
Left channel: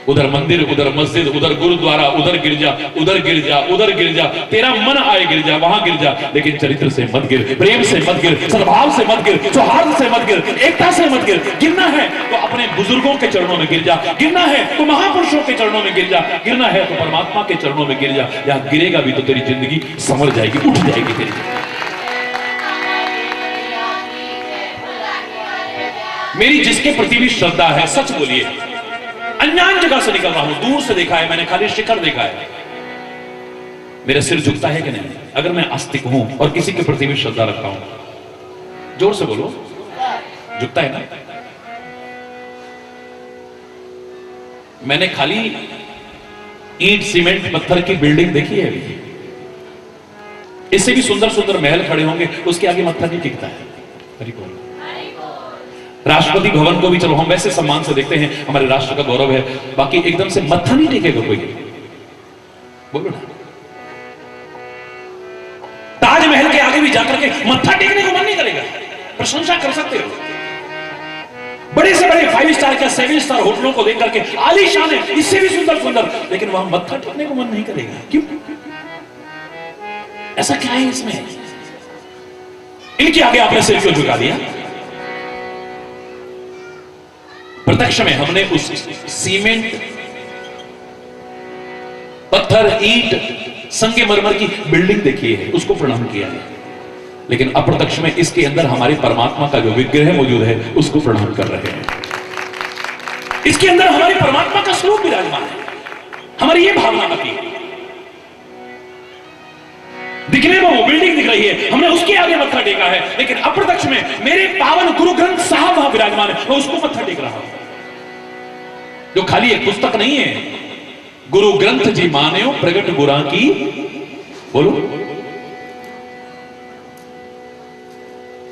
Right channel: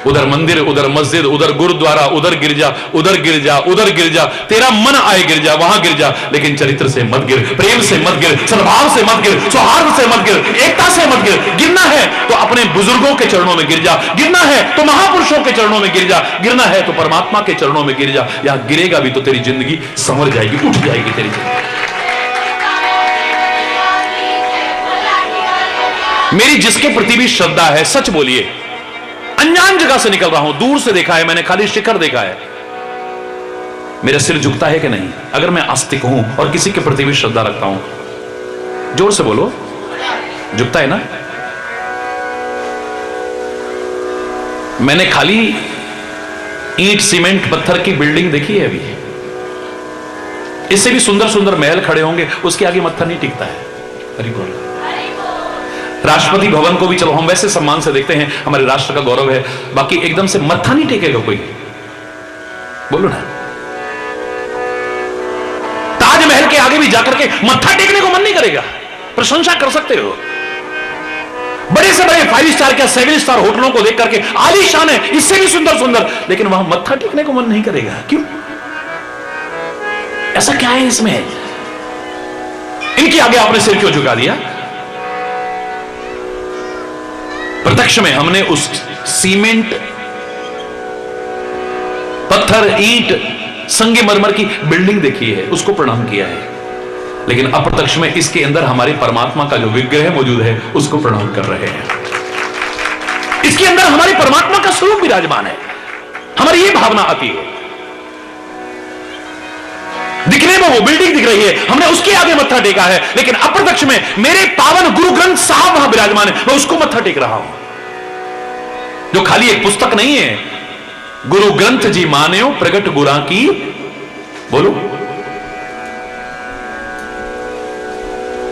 उधर मंदिर, उधर मस्जिद, उधर गुरुद्वारा, उधर गिरजा, उधर गिरजा, उधर गिरजा। तेरा मन आए गिरजा, वहां गिरजा, लेकिन चरित्र से मत गिर, प्रेम से मत गिर, सद्भाव से मत गिर, सौहार्द से मत गिर, एकता से मत गिर। गिरना है तो अपने बुजुर्गों के चरणों में गिर जा, गिरना है तो महापुरुषों के चरणों में गिर जा, गिरना है तो परमात्मा के चरणों में गिर जा। या गिरेगा भी तो तेरी जिंदगी संभल जाएगी, उठ जाएगी तेरी जिंदगी। मेरी जिसके प्रति भी श्रद्धा है, सच बोलिए, अनजान जगह से निकल रहा हूं, दूर से देखा है मैंने, खाली शिखर देखा है। मेरा सिर झुकता है कि नहीं? अगर मैं आस्तिक हूं और किसी के प्रति भी श्रद्धा रखता हूं, जोर से बोलो, झुकता है ना? मैंने खाली ईंट सीमेंट पत्थर की बिल्डिंग देखी है अभी, इससे भी सुंदर सुंदर महल खड़े होंगे, उसके आगे मत्था नहीं टिकता है। हरि बोल। राष्ट्रपति भवन को भी चलो हम वैसे सम्मान से देखते हैं, हमारे राष्ट्र का गौरव है, बाकी एकदम से मत्था नहीं टेकेगा कोई, बोलो ना। ताजमहल के आगे भी जाकर के मत्था टेकने को मन नहीं करेगा। प्रशंसा कर सकते हो, बड़े से बड़े 5 स्टार का 7 स्टार होटलों को देख करके, आलीशान है, इससे भी सुंदर सुंदर, लेकिन वहां मत्था टेकने को मन नहीं करेगा। क्यों? ऐसा क्या है इसमें? इनके आगे आपने सिर क्यों झुका दिया? प्रत्यक्ष में हमने उस सीमेंट, पत्थर, ईंट, संगमरमर की बिल्डिंग देखी है, उसको प्रणाम किया है, लेकिन अप्रत्यक्ष में इसके अंदर हमारे परमात्मा का जो विग्रह मौजूद है उसको प्रणाम कर रहे हैं। इसके अंदर हमारे परमात्मा का स्वरूप विराजमान है। हमारी ये भावना आती है, दिखने में वो बिल्डिंग दिख रही है, हमने उसके आगे मत्था टेका है, लेकिन अप्रत्यक्ष में मेरे पावन गुरु ग्रंथ साहब वहां विराजमान है, मैं उसको मत्था टेक रहा हूं, जो खाली एक पुस्तक नहीं है। गुरु ग्रंथ जी मान्यो प्रगट गुरा की, बोलो।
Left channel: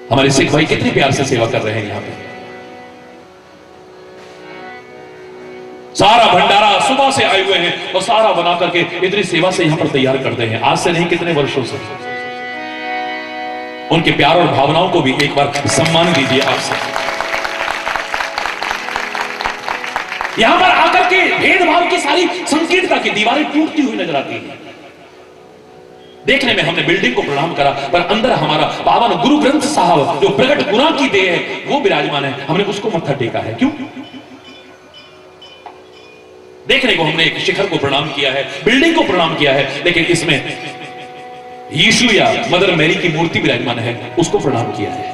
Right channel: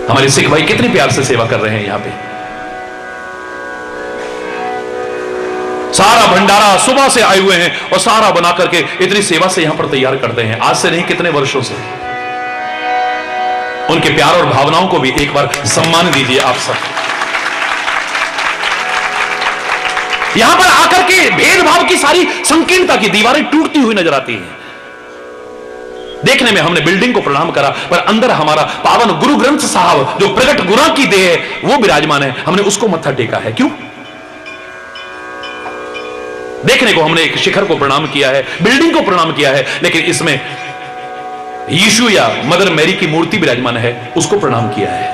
हमारे सिख भाई कितने प्यार से सेवा कर रहे हैं यहां पे, सारा भंडारा सुबह से आए हुए हैं और सारा बना करके इतनी सेवा से यहां पर तैयार करते हैं, आज से नहीं कितने वर्षों से। उनके प्यार और भावनाओं को भी एक बार सम्मान दीजिए आप सब। यहां पर आकर के भेदभाव की सारी संकीर्णता की दीवारें टूटती हुई नजर आती हैं। देखने में हमने बिल्डिंग को प्रणाम करा, पर अंदर हमारा पावन गुरु ग्रंथ साहब जो प्रगट गुना की देह है वो विराजमान है, हमने उसको मत्था टेका है। क्यों? देखने को हमने एक शिखर को प्रणाम किया है, बिल्डिंग को प्रणाम किया है, लेकिन इसमें यीशु या मदर मैरी की मूर्ति विराजमान है, उसको प्रणाम किया है।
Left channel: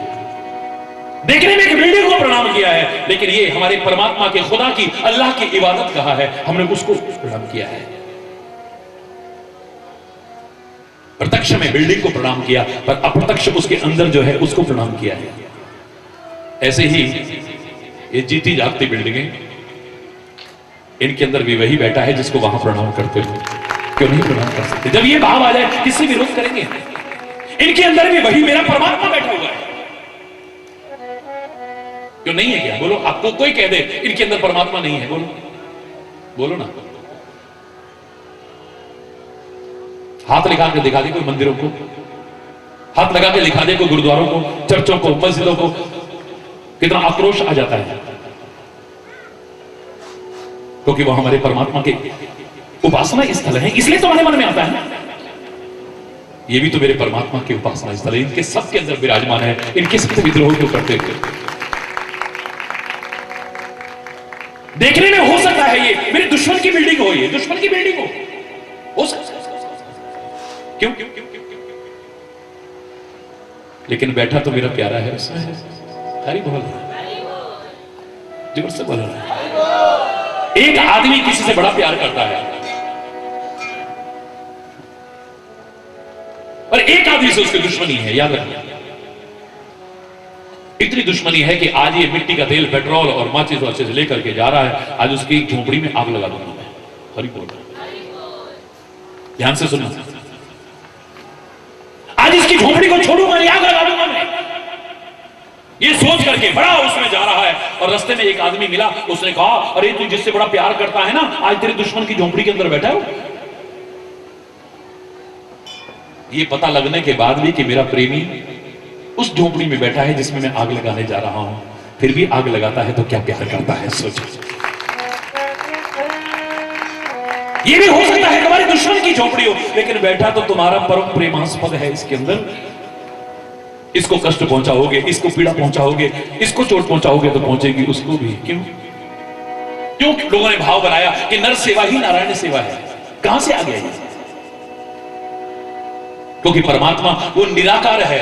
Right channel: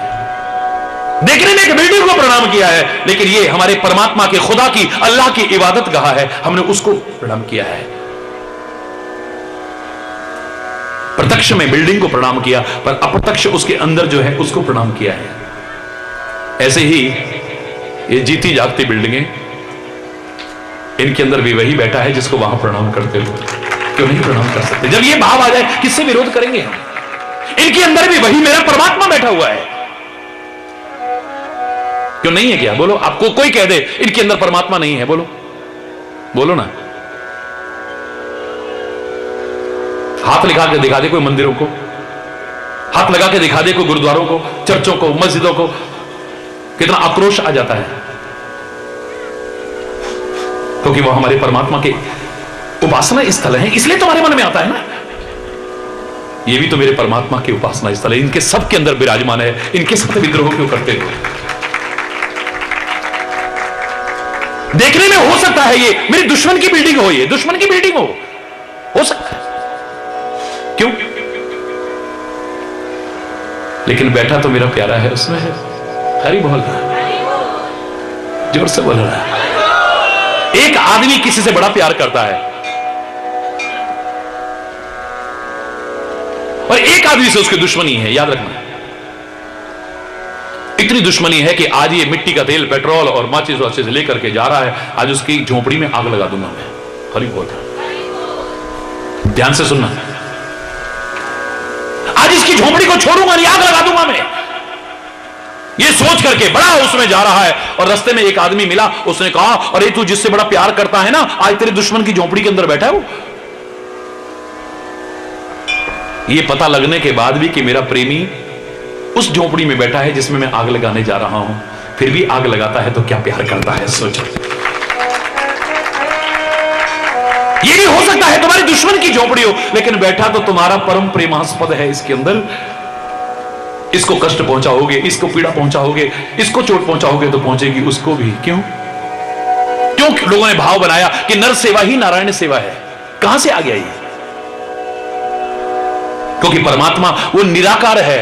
देखने में एक बिल्डिंग को प्रणाम किया है, लेकिन ये हमारे परमात्मा के, खुदा की, अल्लाह की इबादत गाह है, हमने उसको प्रणाम किया है। प्रत्यक्ष में बिल्डिंग को प्रणाम किया, पर अप्रत्यक्ष उसके अंदर जो है उसको प्रणाम किया है। ऐसे ही ये जीती जागती बिल्डिंगें, इनके अंदर भी वही बैठा है जिसको वहां प्रणाम करते हो, क्यों नहीं प्रणाम कर सकते? जब ये भाव आ जाए किससे विरोध करेंगे हम? इनके अंदर भी वही मेरा परमात्मा बैठा हुआ है, क्यों नहीं है? क्या बोलो? आपको कोई कह दे इनके अंदर परमात्मा नहीं है, बोलो बोलो ना। हाथ लगा के दिखा दे कोई मंदिरों को, हाथ लगा के दिखा दे कोई गुरुद्वारों को, चर्चों को, मस्जिदों को, कितना आक्रोश आ जाता है, क्योंकि वो हमारे परमात्मा के उपासना स्थल है, इसलिए तुम्हारे मन में आता है ना, ये भी तो मेरे परमात्मा के उपासना स्थल है, इनके सबके अंदर विराजमान है, इनके सबसे विद्रोह क्यों करते हो? देखने में हो सकता है ये मेरी दुश्मन की बिल्डिंग हो, ये दुश्मन की बिल्डिंग हो सकता है, क्यों? लेकिन बैठा तो मेरा प्यारा है उसमें है। हरि बोल रहा, जोर से बोल रहा है। एक आदमी किसी से बड़ा प्यार करता है और एक आदमी से उसकी दुश्मनी है, याद रखना। इतनी दुश्मनी है कि आज ये मिट्टी का तेल, पेट्रोल और माचिस वाचिस लेकर के जा रहा है। आज उसकी झोपड़ी में आग लगा दूंगा मैं। हरी बोल, ध्यान से सुनना। आज इसकी झोपड़ी को छोड़ूंगा नहीं, आग लगा दूंगा मैं। ये सोच करके बड़ा उसमें जा रहा है और रास्ते में एक आदमी मिला। उसने कहा, अरे तू जिससे बड़ा प्यार करता है ना, आज तेरे दुश्मन की झोपड़ी के अंदर बैठा है वो। ये पता लगने के बाद भी कि मेरा प्रेमी उस झोपड़ी में बैठा है जिसमें मैं आग लगाने जा रहा हूं, फिर भी आग लगाता है तो क्या प्यार करता है, सोचो। ये भी हो सकता है तुम्हारे दुश्मन की झोपड़ी हो, लेकिन बैठा तो तुम्हारा परम प्रेमास्पद है इसके अंदर। इसको कष्ट पहुंचाओगे, इसको पीड़ा पहुंचाओगे, इसको चोट पहुंचाओगे तो पहुंचेगी उसको भी। क्यों क्यों लोगों ने भाव बनाया कि नर सेवा ही नारायण सेवा है। कहां से आ गया ये? क्योंकि परमात्मा वो निराकार है,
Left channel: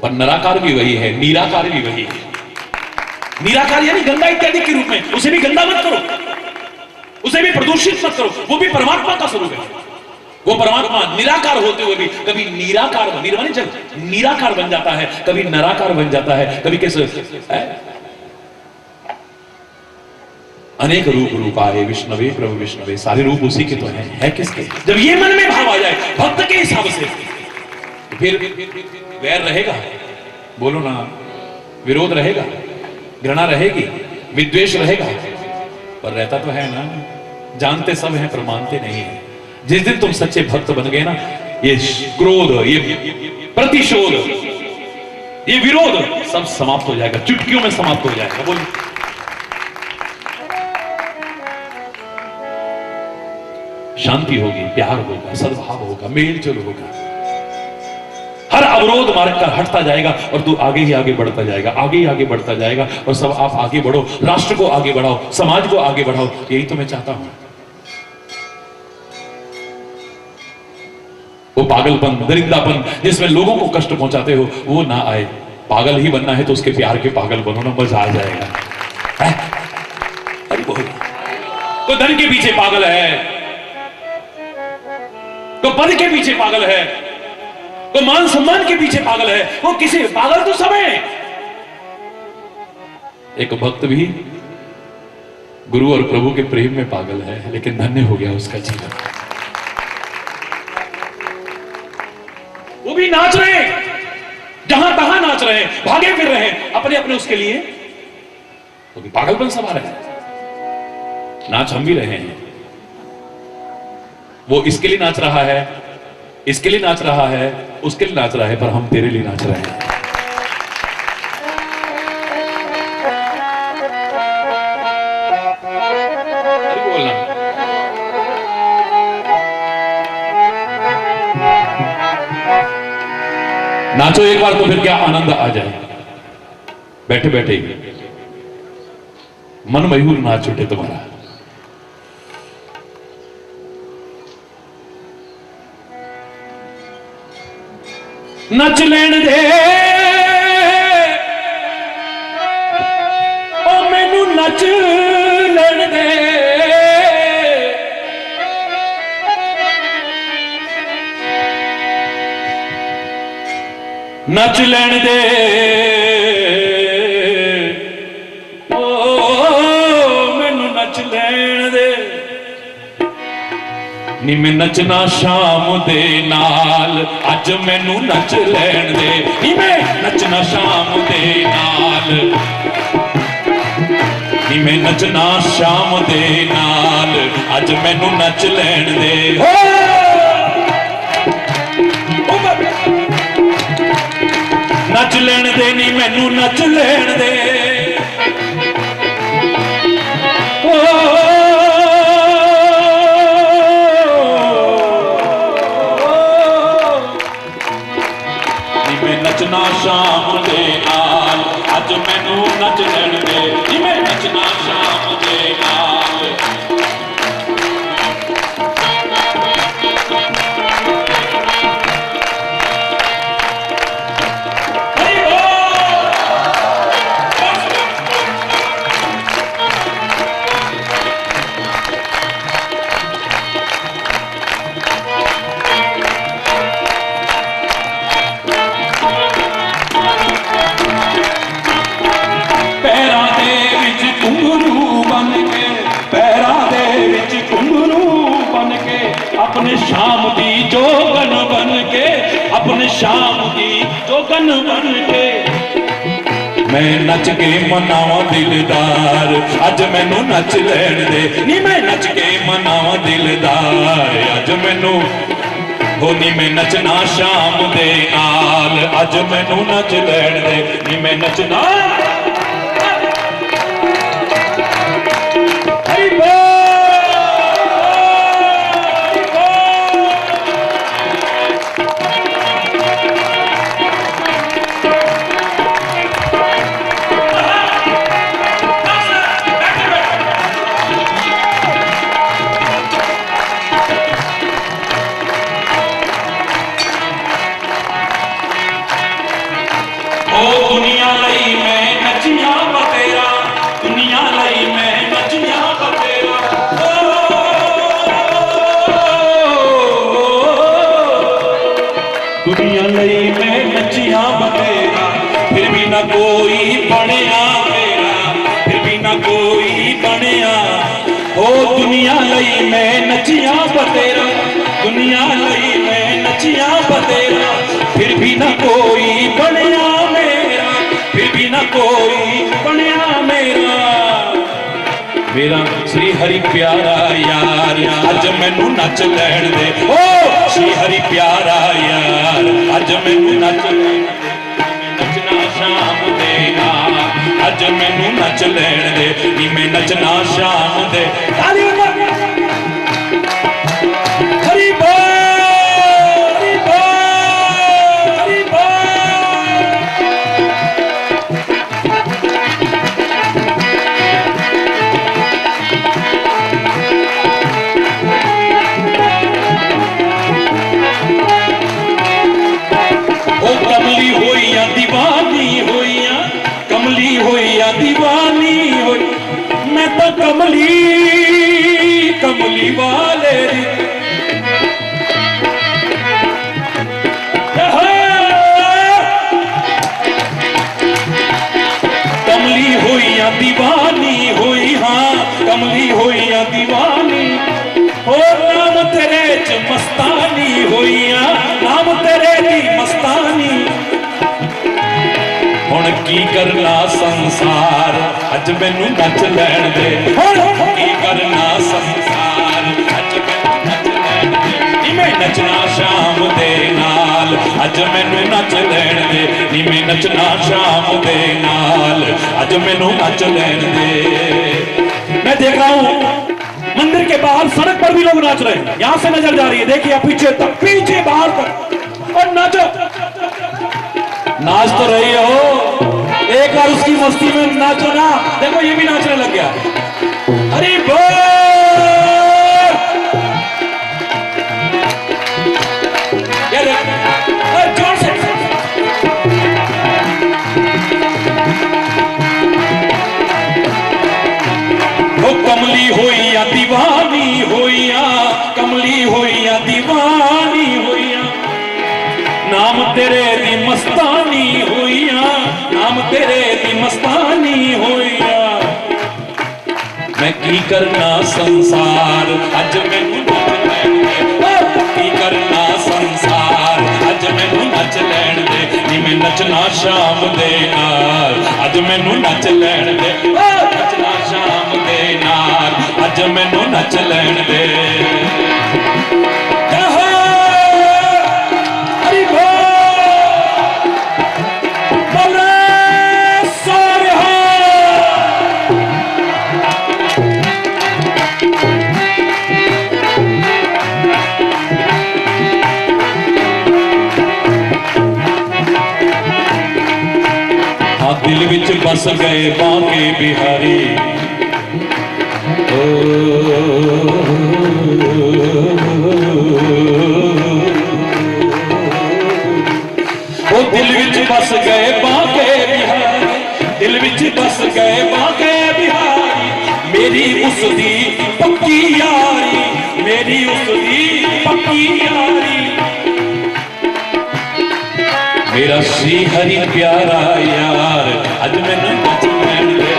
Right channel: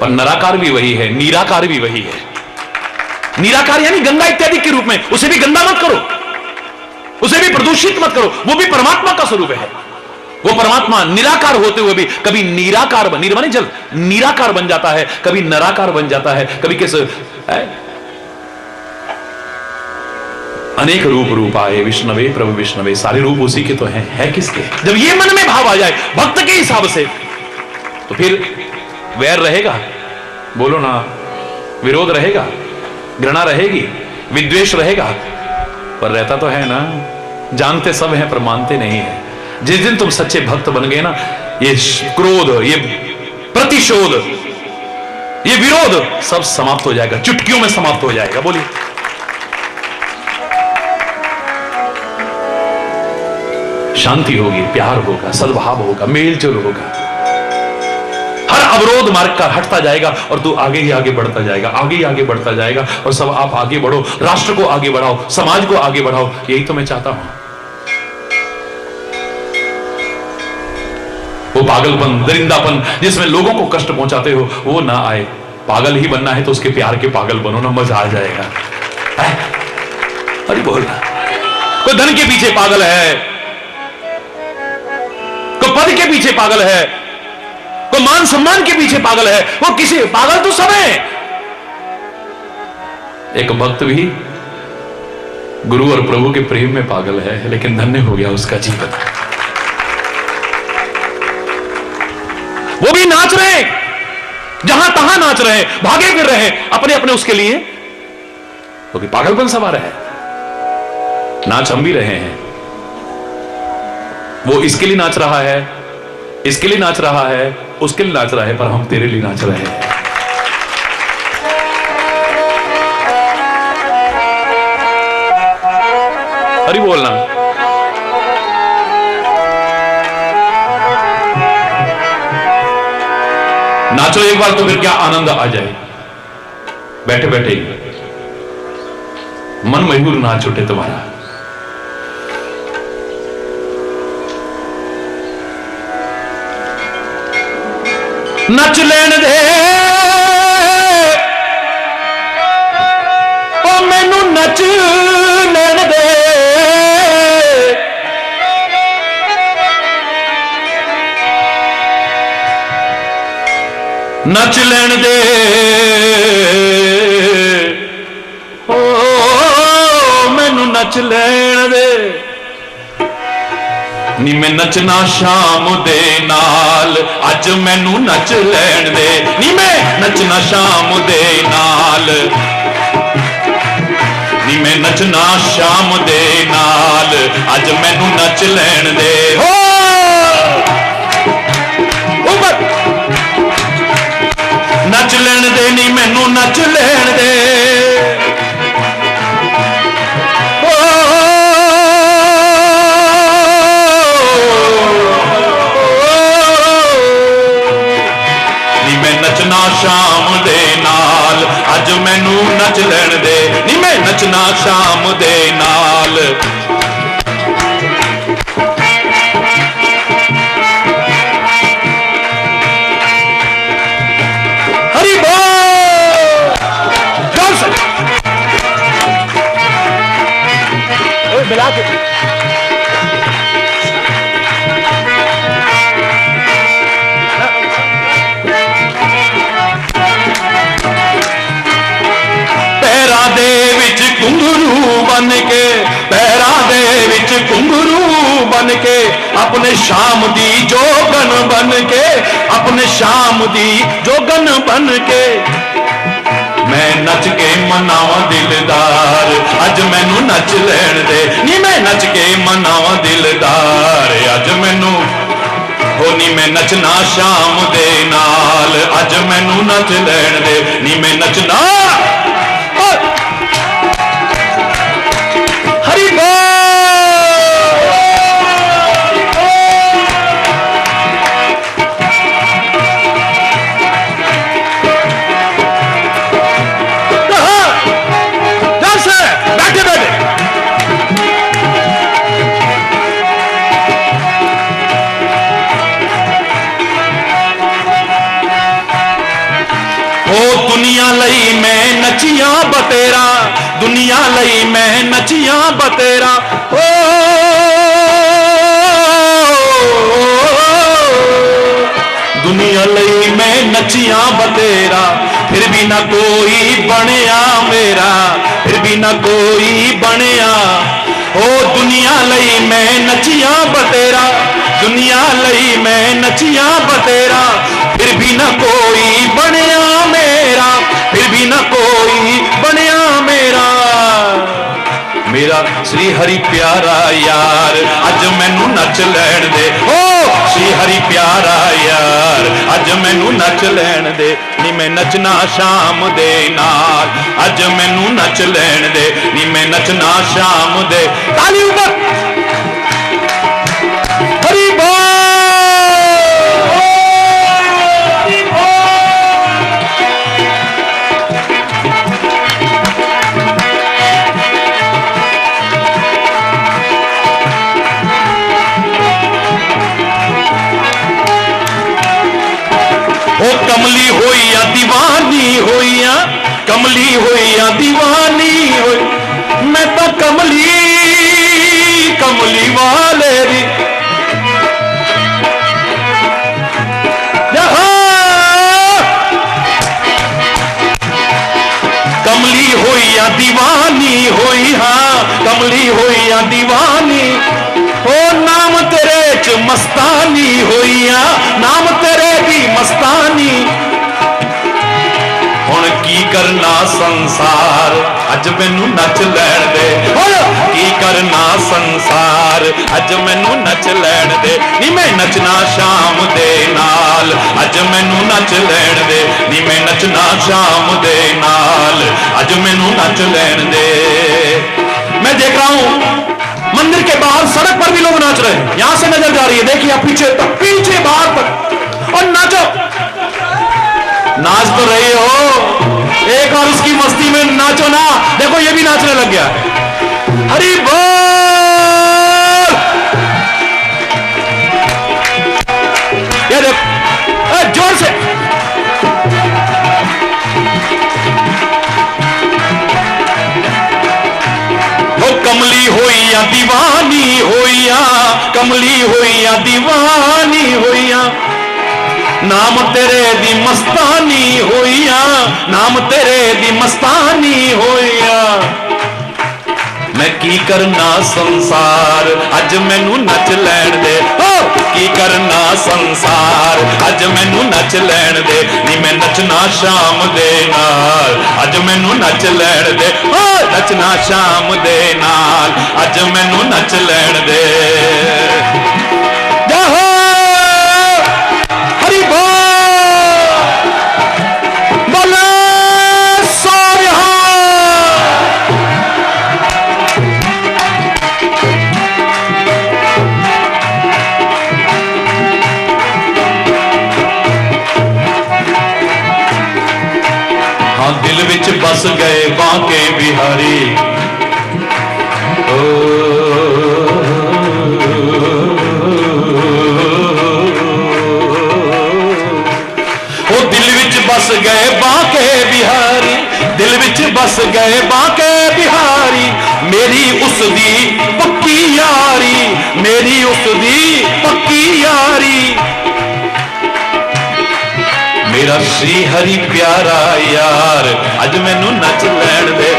पर निराकार भी वही है, निराकार भी वही है। निराकार यानी गंगा इत्यादि के रूप में। उसे भी गंदा मत करो, उसे भी प्रदूषित मत करो, वो भी परमात्मा का स्वरूप है। वो परमात्मा निराकार होते हुए भी कभी निराकार निर्मानी जल निराकार बन जाता है, कभी निराकार बन जाता है, कभी कैसे अनेक रूप आए विष्णवे प्रभु विष्णवे। सारे रूप उसी के तो हैं, है किसके? जब ये मन में भाव आ जाए भक्त के हिसाब से, तो फिर वैर रहेगा, बोलो ना, विरोध रहेगा, घृणा रहेगी, विद्वेष रहेगा, पर रहता तो है ना। जानते सब हैं पर मानते नहीं है। जिस दिन तुम सच्चे भक्त बन गए ना, ये क्रोध, ये प्रतिशोध, ये विरोध सब समाप्त हो जाएगा, चुटकियों में समाप्त हो जाएगा। बोलिए, शांति होगी, प्यार होगा, सद्भाव होगा, मेलजोल होगा। हर अवरोध मार्ग का हटता जाएगा और तू आगे ही आगे बढ़ता जाएगा, आगे ही आगे बढ़ता जाएगा। और सब आप आगे बढ़ो, राष्ट्र को आगे बढ़ाओ, समाज को आगे बढ़ाओ, यही तो मैं चाहता हूं। वो पागलपन, दरिंदापन जिसमें लोगों को कष्ट पहुंचाते हो, वो ना आए। पागल ही बनना है तो उसके प्यार के पागल बनो ना, मजा आ जाएगा। अरे बोल, कोई धन के पीछे पागल है, कोई पद के पीछे पागल है, कोई मान सम्मान के पीछे पागल है, वो किसी पागल तो सब है। एक भक्त भी गुरु और प्रभु के प्रेम में पागल है, लेकिन धन्य हो गया उसका जीवन। वो भी नाच रहे, जहां तहां नाच रहे, भागे फिर रहे अपने अपने उसके लिए, क्योंकि पागलपन सवार है। नाच हम भी रहे हैं। वो इसके लिए नाच रहा है, इसके लिए नाच रहा है, उसके लिए नाच रहा है, पर हम तेरे लिए नाच रहे हैं। अरे बोलना, नाचो एक बार तो फिर क्या आनंद आ जाए। बैठे बैठे मन मयूर नाच उठे तुम्हारा। नच लेन दे ओ मैनू, नच लेन दे, नच लेन दे ओ मैनू, नच लेन दे। नी मैं नचना शाम दे नाल, अज मैनू नच लैण दे। नी मैं नचना शाम दे नाल, नी मैं नचना शाम दे नाल, अज मैनू नच लैण दे। हो नच लैण दे, नी मैनू नच लैण दे। शाम दे नाल, अज मैनू नच लैण दे। नी मैं नचना शाम दे नाल। हरि बोल, जो मिला के पैरां दे विच घुंघरू बन के, पैरां दे विच घुंघरू बन के, अपने शाम दी जोगन बन के, अपने शाम दी जोगन बन के मैं नच के मनावा दिलदार, अज मैनू नच लैण दे नी, मैं नच के मनावा दिलदार, अज मैनू ओ नी मैं नचना शाम दे नाल, अज मैनू नच लैण दे नी, मैं नचना हरि दुनिया लई मैं नचिया बतेरा, दुनिया लई मैं नचिया बतेरा, ओ दुनिया लई मैं नचिया बतेरा, फिर भी ना कोई बनिया मेरा, फिर भी ना कोई बनिया, ओ दुनिया लई मैं नचिया बतेरा, दुनिया लई मैं नचिया बतेरा, फिर भी ना कोई बनिया मेरा, फिर भी ना कोई बनिया मेरा, मेरा श्री हरि प्यारा यार, अज मैनू नच लैण दे, ओ श्री हरि प्यारा यार, अज मैनू नच लैण दे नी, मैं नचना शाम दे नाल, अज मैनू नच लैण दे नी, मैं नचना शाम दे, ताली ऊपर हरि बोल। कमली होइया दीवानी होइया, कमली होइया दीवानी होई, मैं तो कमली कमली वाले री, कमली होइया दीवानी होई, हाँ कमली होइया दीवानी, ओ नाम तेरे च मस्तानी होइया, नाम तेरे दी मस्तानी, हुण की करना संसार, अज मैनू नच लैण दे, की करना संसार, अज मैनू नच लैण दे नी, मैं नचना शाम दे नाल, अज मैनू नच लैण दे नी, मैं नचना शाम दे नाल, अज मैनू नच लैण दे। मैं देख रहा हूं मंदिर के बाहर सड़क पर भी लोग नाच रहे हैं, यहां से नजर जा रही है, देखिए पीछे तक, पीछे बाहर तक, और नाचो, नाच तो रहे हो, एक और उसकी मस्ती में नाचो ना, देखो ये भी नाचने लग गया, हरि बोल, ये देख जोर से, कमली होइया दीवानी होइया, कमली होइया दीवानी होइया, नाम तेरे दी मस्तानी होइया, नाम तेरे दी मस्तानी होइया, मैं की करना संसार, अज मैनू नच लैण दे, की करना संसार, अज मैनू नच लैण दे नी, मैं नचना शाम दे नाल, अज मैनू नच लैण दे, नचना शाम दे नाल, अज मैनू नच लैण दे, हरि बोल, बोले सोनिहा। हाँ दिल विच बस गए बांके बिहारी, दिल विच बस गए बांके बिहारी, दिल विच बस गए बांके बिहारी, मेरी उसदी यारी मेरी उस दी पक्की यारी। मेरा श्री हरि प्यारा यार अज मैनू नच लैण दे,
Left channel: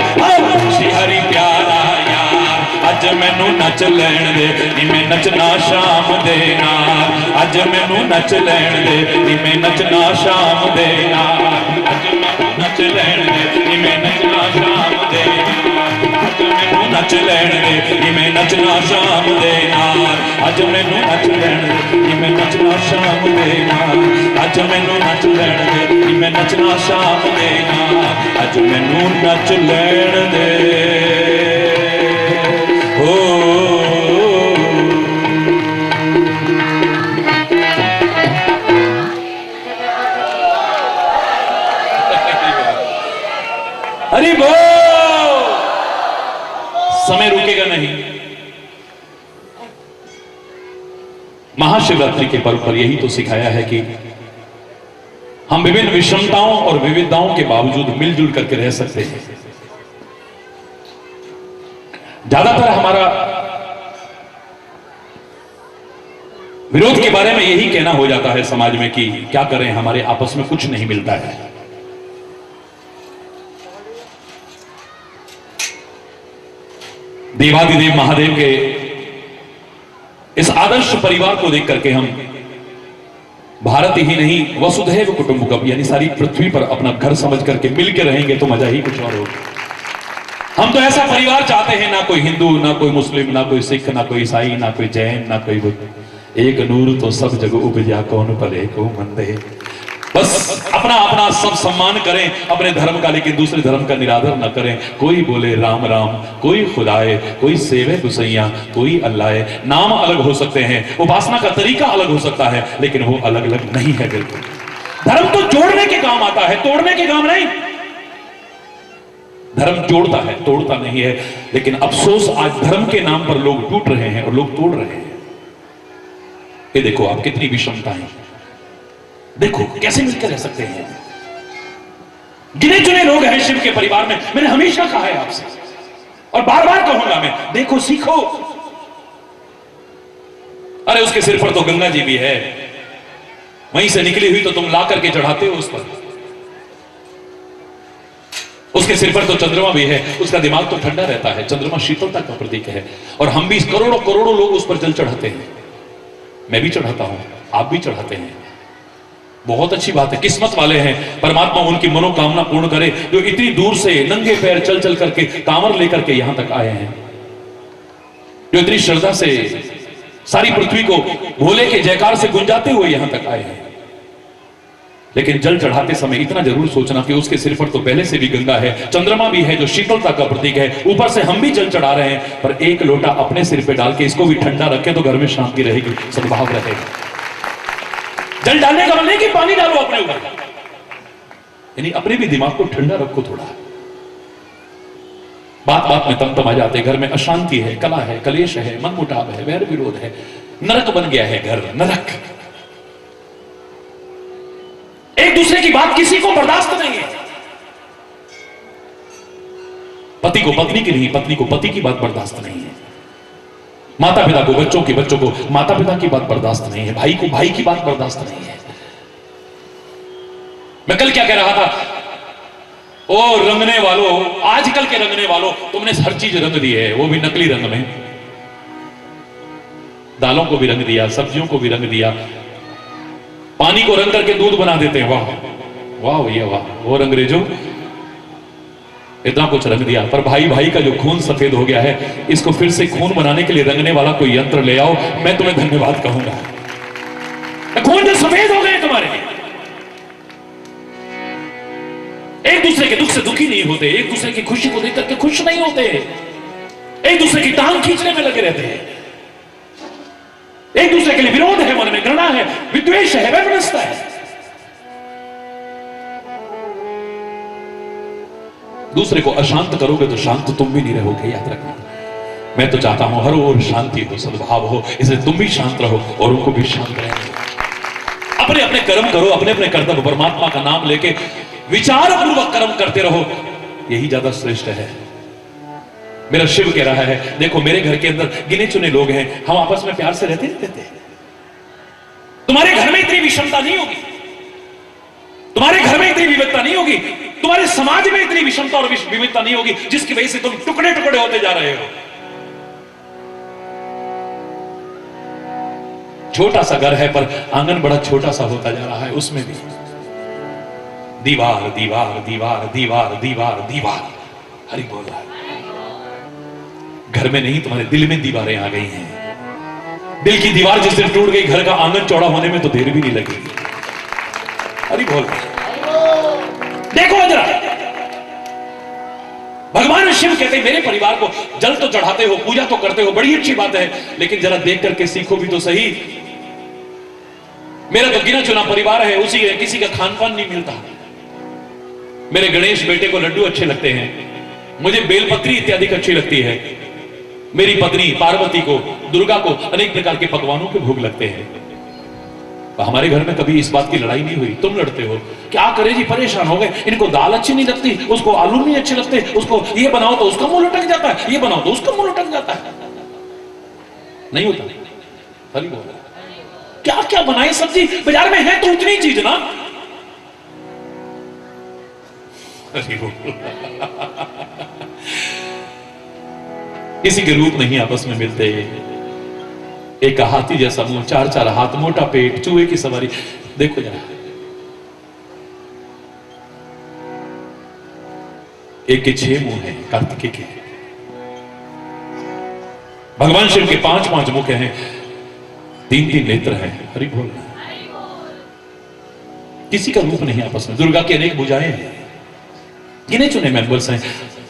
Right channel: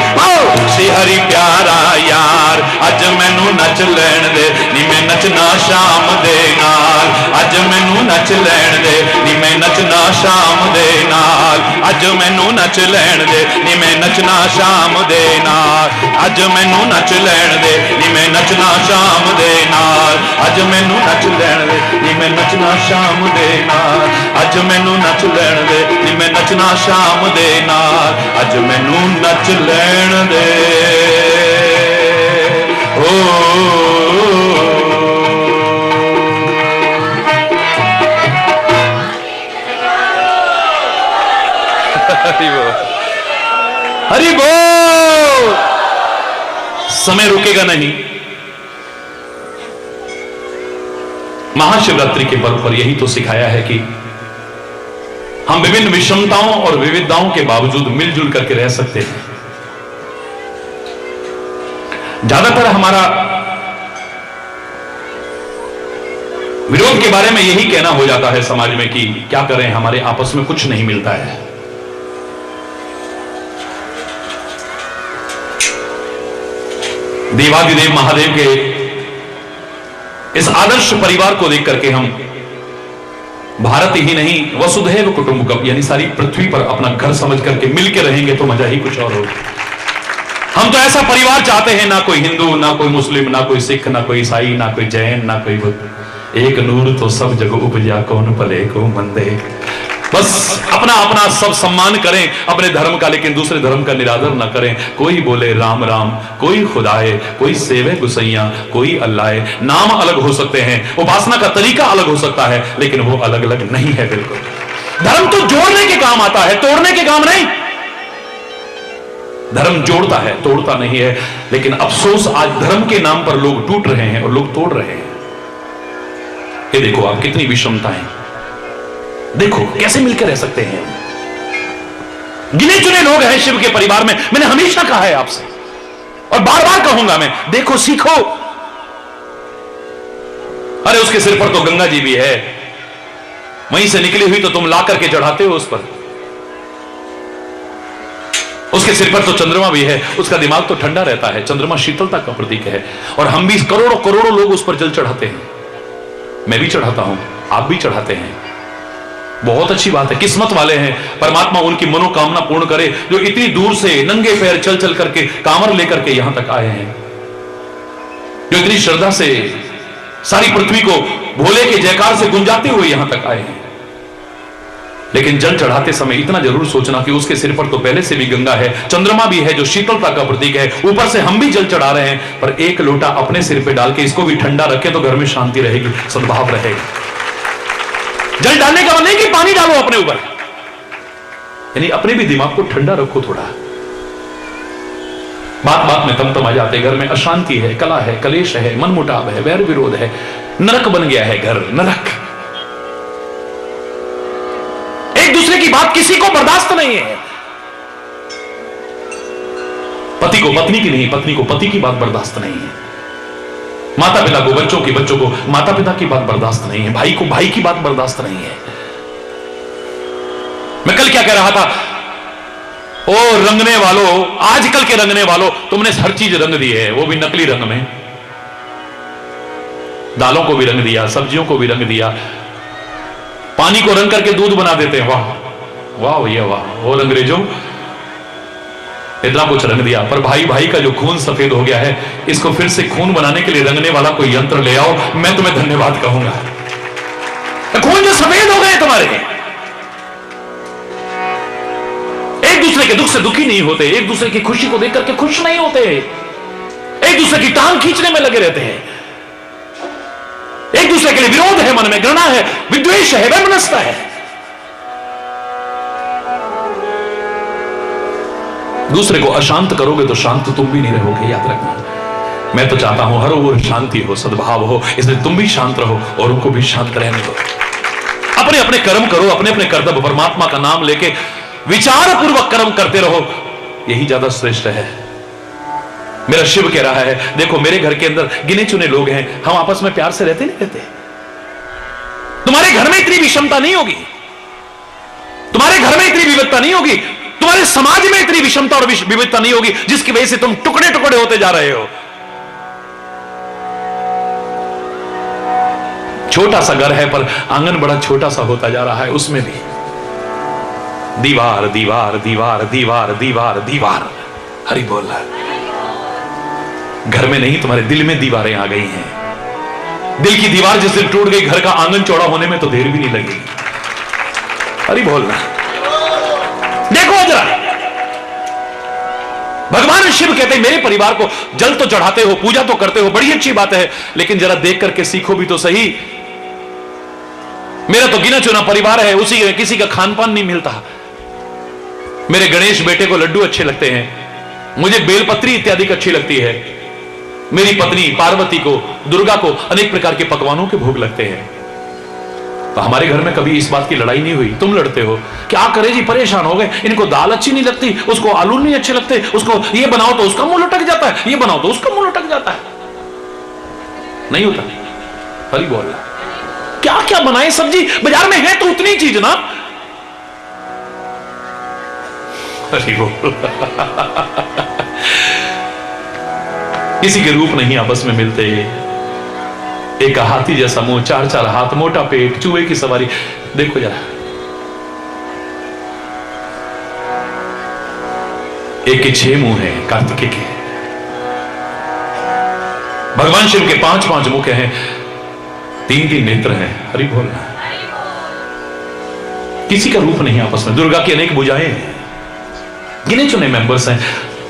श्री हरि प्यारा यार अज मैनू नच लैण दे, नी मैं नचना शाम दे नाल, अज मैनू नच लैण दे, नी मैं नचना शाम दे नाल, अज मैनू नच लैण दे, नी मैं नचना शाम दे नाल, अज मैनू नच लैण दे, नी मैं नचना शाम दे नाल, अज मैनू नच लैण दे, नी मैं नचना शाम दे नाल, अज मैनू नच लैण दे, नी मैं नचना शाम दे नाल, अज मैनू नच लैण दे। हरि बोल। समय रुकेगा नहीं। महाशिवरात्रि के पर्व पर यही तो सिखाया है कि हम विभिन्न विषमताओं और विविधताओं के बावजूद मिलजुल करके रह सकते हैं। ज्यादातर हमारा विरोध के बारे में यही कहना हो जाता है समाज में कि क्या करें, हमारे आपस में कुछ नहीं मिलता है। देवादिदेव महादेव के इस आदर्श परिवार को देख करके हम भारत ही नहीं वसुधैव कुटुंबकम यानी सारी पृथ्वी पर अपना घर समझ करके मिलके रहेंगे तो मजा ही कुछ और होगा। हम तो ऐसा परिवार चाहते हैं, ना कोई हिंदू, ना कोई मुस्लिम, ना कोई सिख, ना कोई ईसाई, ना कोई जैन, ना कोई बुद्ध, एक नूर तो सब जगह उपजा कौन भले को मंदे। बस अपना अपना सब सम्मान करें अपने धर्म का, लेकिन दूसरे धर्म का निरादर ना करें। कोई बोले राम राम, कोई खुदाए, कोई सेवे गुसैया, कोई अल्लाह। नाम अलग हो सकते हैं, उपासना का तरीका अलग हो सकता है, लेकिन वो अलग अलग नहीं है। बिल्कुल धर्म तो जोड़ने के काम आता है, तोड़ने के काम नहीं। धर्म जोड़ता है, तोड़ता नहीं है। लेकिन अफसोस आज धर्म के नाम पर लोग टूट रहे हैं और लोग तोड़ रहे हैं। ये देखो आप कितनी विषमताएं, देखो कैसे मिलकर रह सकते हैं। गिने चुने लोग हैं शिव के परिवार में। मैंने हमेशा कहा है आपसे और बार बार कहूंगा मैं, देखो सीखो। अरे उसके सिर पर तो गंगा जी भी है, वहीं से निकली हुई तो तुम ला करके चढ़ाते हो उस पर। उसके सिर पर तो चंद्रमा भी है, उसका दिमाग तो ठंडा रहता है। चंद्रमा शीतलता का प्रतीक है। और हम भी करोड़ों करोड़ों लोग उस पर जल चढ़ाते हैं। मैं भी चढ़ाता हूं, आप भी चढ़ाते हैं। बहुत अच्छी बात है, किस्मत वाले हैं। परमात्मा उनकी मनोकामना पूर्ण करे जो इतनी दूर से नंगे पैर चल चल करके कांवर लेकर के यहां तक आए हैं, जो इतनी श्रद्धा से सारी पृथ्वी को भोले के जयकार से गुंजाते हुए यहां तक आए हैं। लेकिन जल चढ़ाते समय इतना जरूर सोचना कि उसके सिर पर तो पहले से भी गंगा है, चंद्रमा भी है जो शीतलता का प्रतीक है। ऊपर से हम भी जल चढ़ा रहे हैं, पर एक लोटा अपने सिर पे डाल के इसको भी ठंडा रखें तो घर में शांति रहेगी, सद्भाव रहेगा। जल डालने का मतलब नहीं कि पानी डालो अपने ऊपर, यानी अपने भी दिमाग को ठंडा रखो थोड़ा। बात बात में तम आ जाते, घर में अशांति है, कला है, कलेश है, मनमुटाव है, वैर विरोध है, नरक बन गया है घर, नरक। एक दूसरे की बात किसी को बर्दाश्त नहीं है। पति को पत्नी की नहीं, पत्नी को पति की बात बर्दाश्त नहीं है। माता पिता को बच्चों को माता पिता की बात बर्दाश्त नहीं है। भाई को भाई की बात बर्दाश्त नहीं है। मैं कल क्या कह रहा था, ओ रंगने वालों, आजकल के रंगने वालों, तुमने हर चीज रंग दी है, वो भी नकली रंग में। दालों को भी रंग दिया, सब्जियों को भी रंग दिया, पानी को रंग करके दूध बना देते हैं। वाह वाह भैया वाह, वो अंग्रेजों इतना कुछ रंग दिया। पर भाई भाई का जो खून सफेद हो गया है, इसको फिर से खून बनाने के लिए रंगने वाला कोई यंत्र ले आओ, मैं तुम्हें धन्यवाद कहूंगा। खून जो सफेद हो गए तुम्हारे, एक दूसरे के दुख से दुखी नहीं होते, एक दूसरे की खुशी को देख करके खुश नहीं होते, एक दूसरे की टांग खींचने में लगे रहते हैं, एक दूसरे के लिए विरोध है, मन में घृणा है, विद्वेष है, वैमनस्यता है। दूसरे को अशांत करोगे तो शांत तुम भी नहीं रहोगे, याद रखना। मैं तो चाहता हूं हर ओर शांति हो, सद्भाव हो, इसलिए तुम भी शांत रहो और उनको भी शांत रहने दो। अपने अपने कर्म करो, अपने अपने कर्तव्य परमात्मा का नाम लेके विचार पूर्वक कर्म करते रहो, यही ज्यादा श्रेष्ठ है। मेरा शिव कह रहा है देखो मेरे घर के अंदर गिने चुने लोग हैं, हम आपस में प्यार से रहते नहीं रहते। तुम्हारे घर में इतनी विषमता नहीं होगी, तुम्हारे घर में इतनी विविधता नहीं होगी, तुम्हारे समाज में इतनी विषमता और विविधता नहीं होगी जिसकी वजह से तुम टुकड़े टुकड़े होते जा रहे हो। छोटा सा घर है पर आंगन बड़ा छोटा सा होता जा रहा है, उसमें भी दीवार दीवार दीवार दीवार दीवार दीवार। हरि बोल रहा है। घर में नहीं तुम्हारे दिल में दीवारें आ गई हैं। दिल की दीवार जिस दिन टूट गई, घर का आंगन चौड़ा होने में तो देर भी नहीं लगेगी। हरि बोल रहा है। देखो जरा, भगवान शिव कहते हैं मेरे परिवार को जल तो चढ़ाते हो, पूजा तो करते हो, बड़ी अच्छी बात है, लेकिन जरा देख करके सीखो भी तो सही। मेरा तो गिना चुना परिवार है, उसी किसी का खान पान नहीं मिलता। मेरे गणेश बेटे को लड्डू अच्छे लगते हैं, मुझे बेलपत्री इत्यादि अच्छी लगती है, मेरी पत्नी पार्वती को, दुर्गा को अनेक प्रकार के पकवानों के भोग लगते हैं। तो हमारे घर में कभी इस बात की लड़ाई नहीं हुई। तुम लड़ते हो, क्या करे जी, परेशान हो गए, इनको दाल अच्छी नहीं लगती, उसको आलू नहीं अच्छे लगते, उसको ये बनाओ तो उसका मुंह लटक जाता है, ये बनाओ तो उसका मुंह लटक जाता है। नहीं होता। हरि बोल। क्या क्या बनाए सब्जी, बाजार में है तो उतनी चीज ना। हरि बोल। किसी के रूप नहीं आपस में मिलते। एक हाथी जैसा मुंह, चार चार हाथ, मोटा पेट, चूहे की सवारी। देखो जरा, एक के 6 मुंह है कार्तिकेय के, भगवान शिव के 5-5 मुख हैं, 3-3 नेत्र हैं। हरि बोल। किसी का रूप नहीं आपस में। दुर्गा की अनेक भुजाएं हैं, गिने चुने मेंबर्स हैं,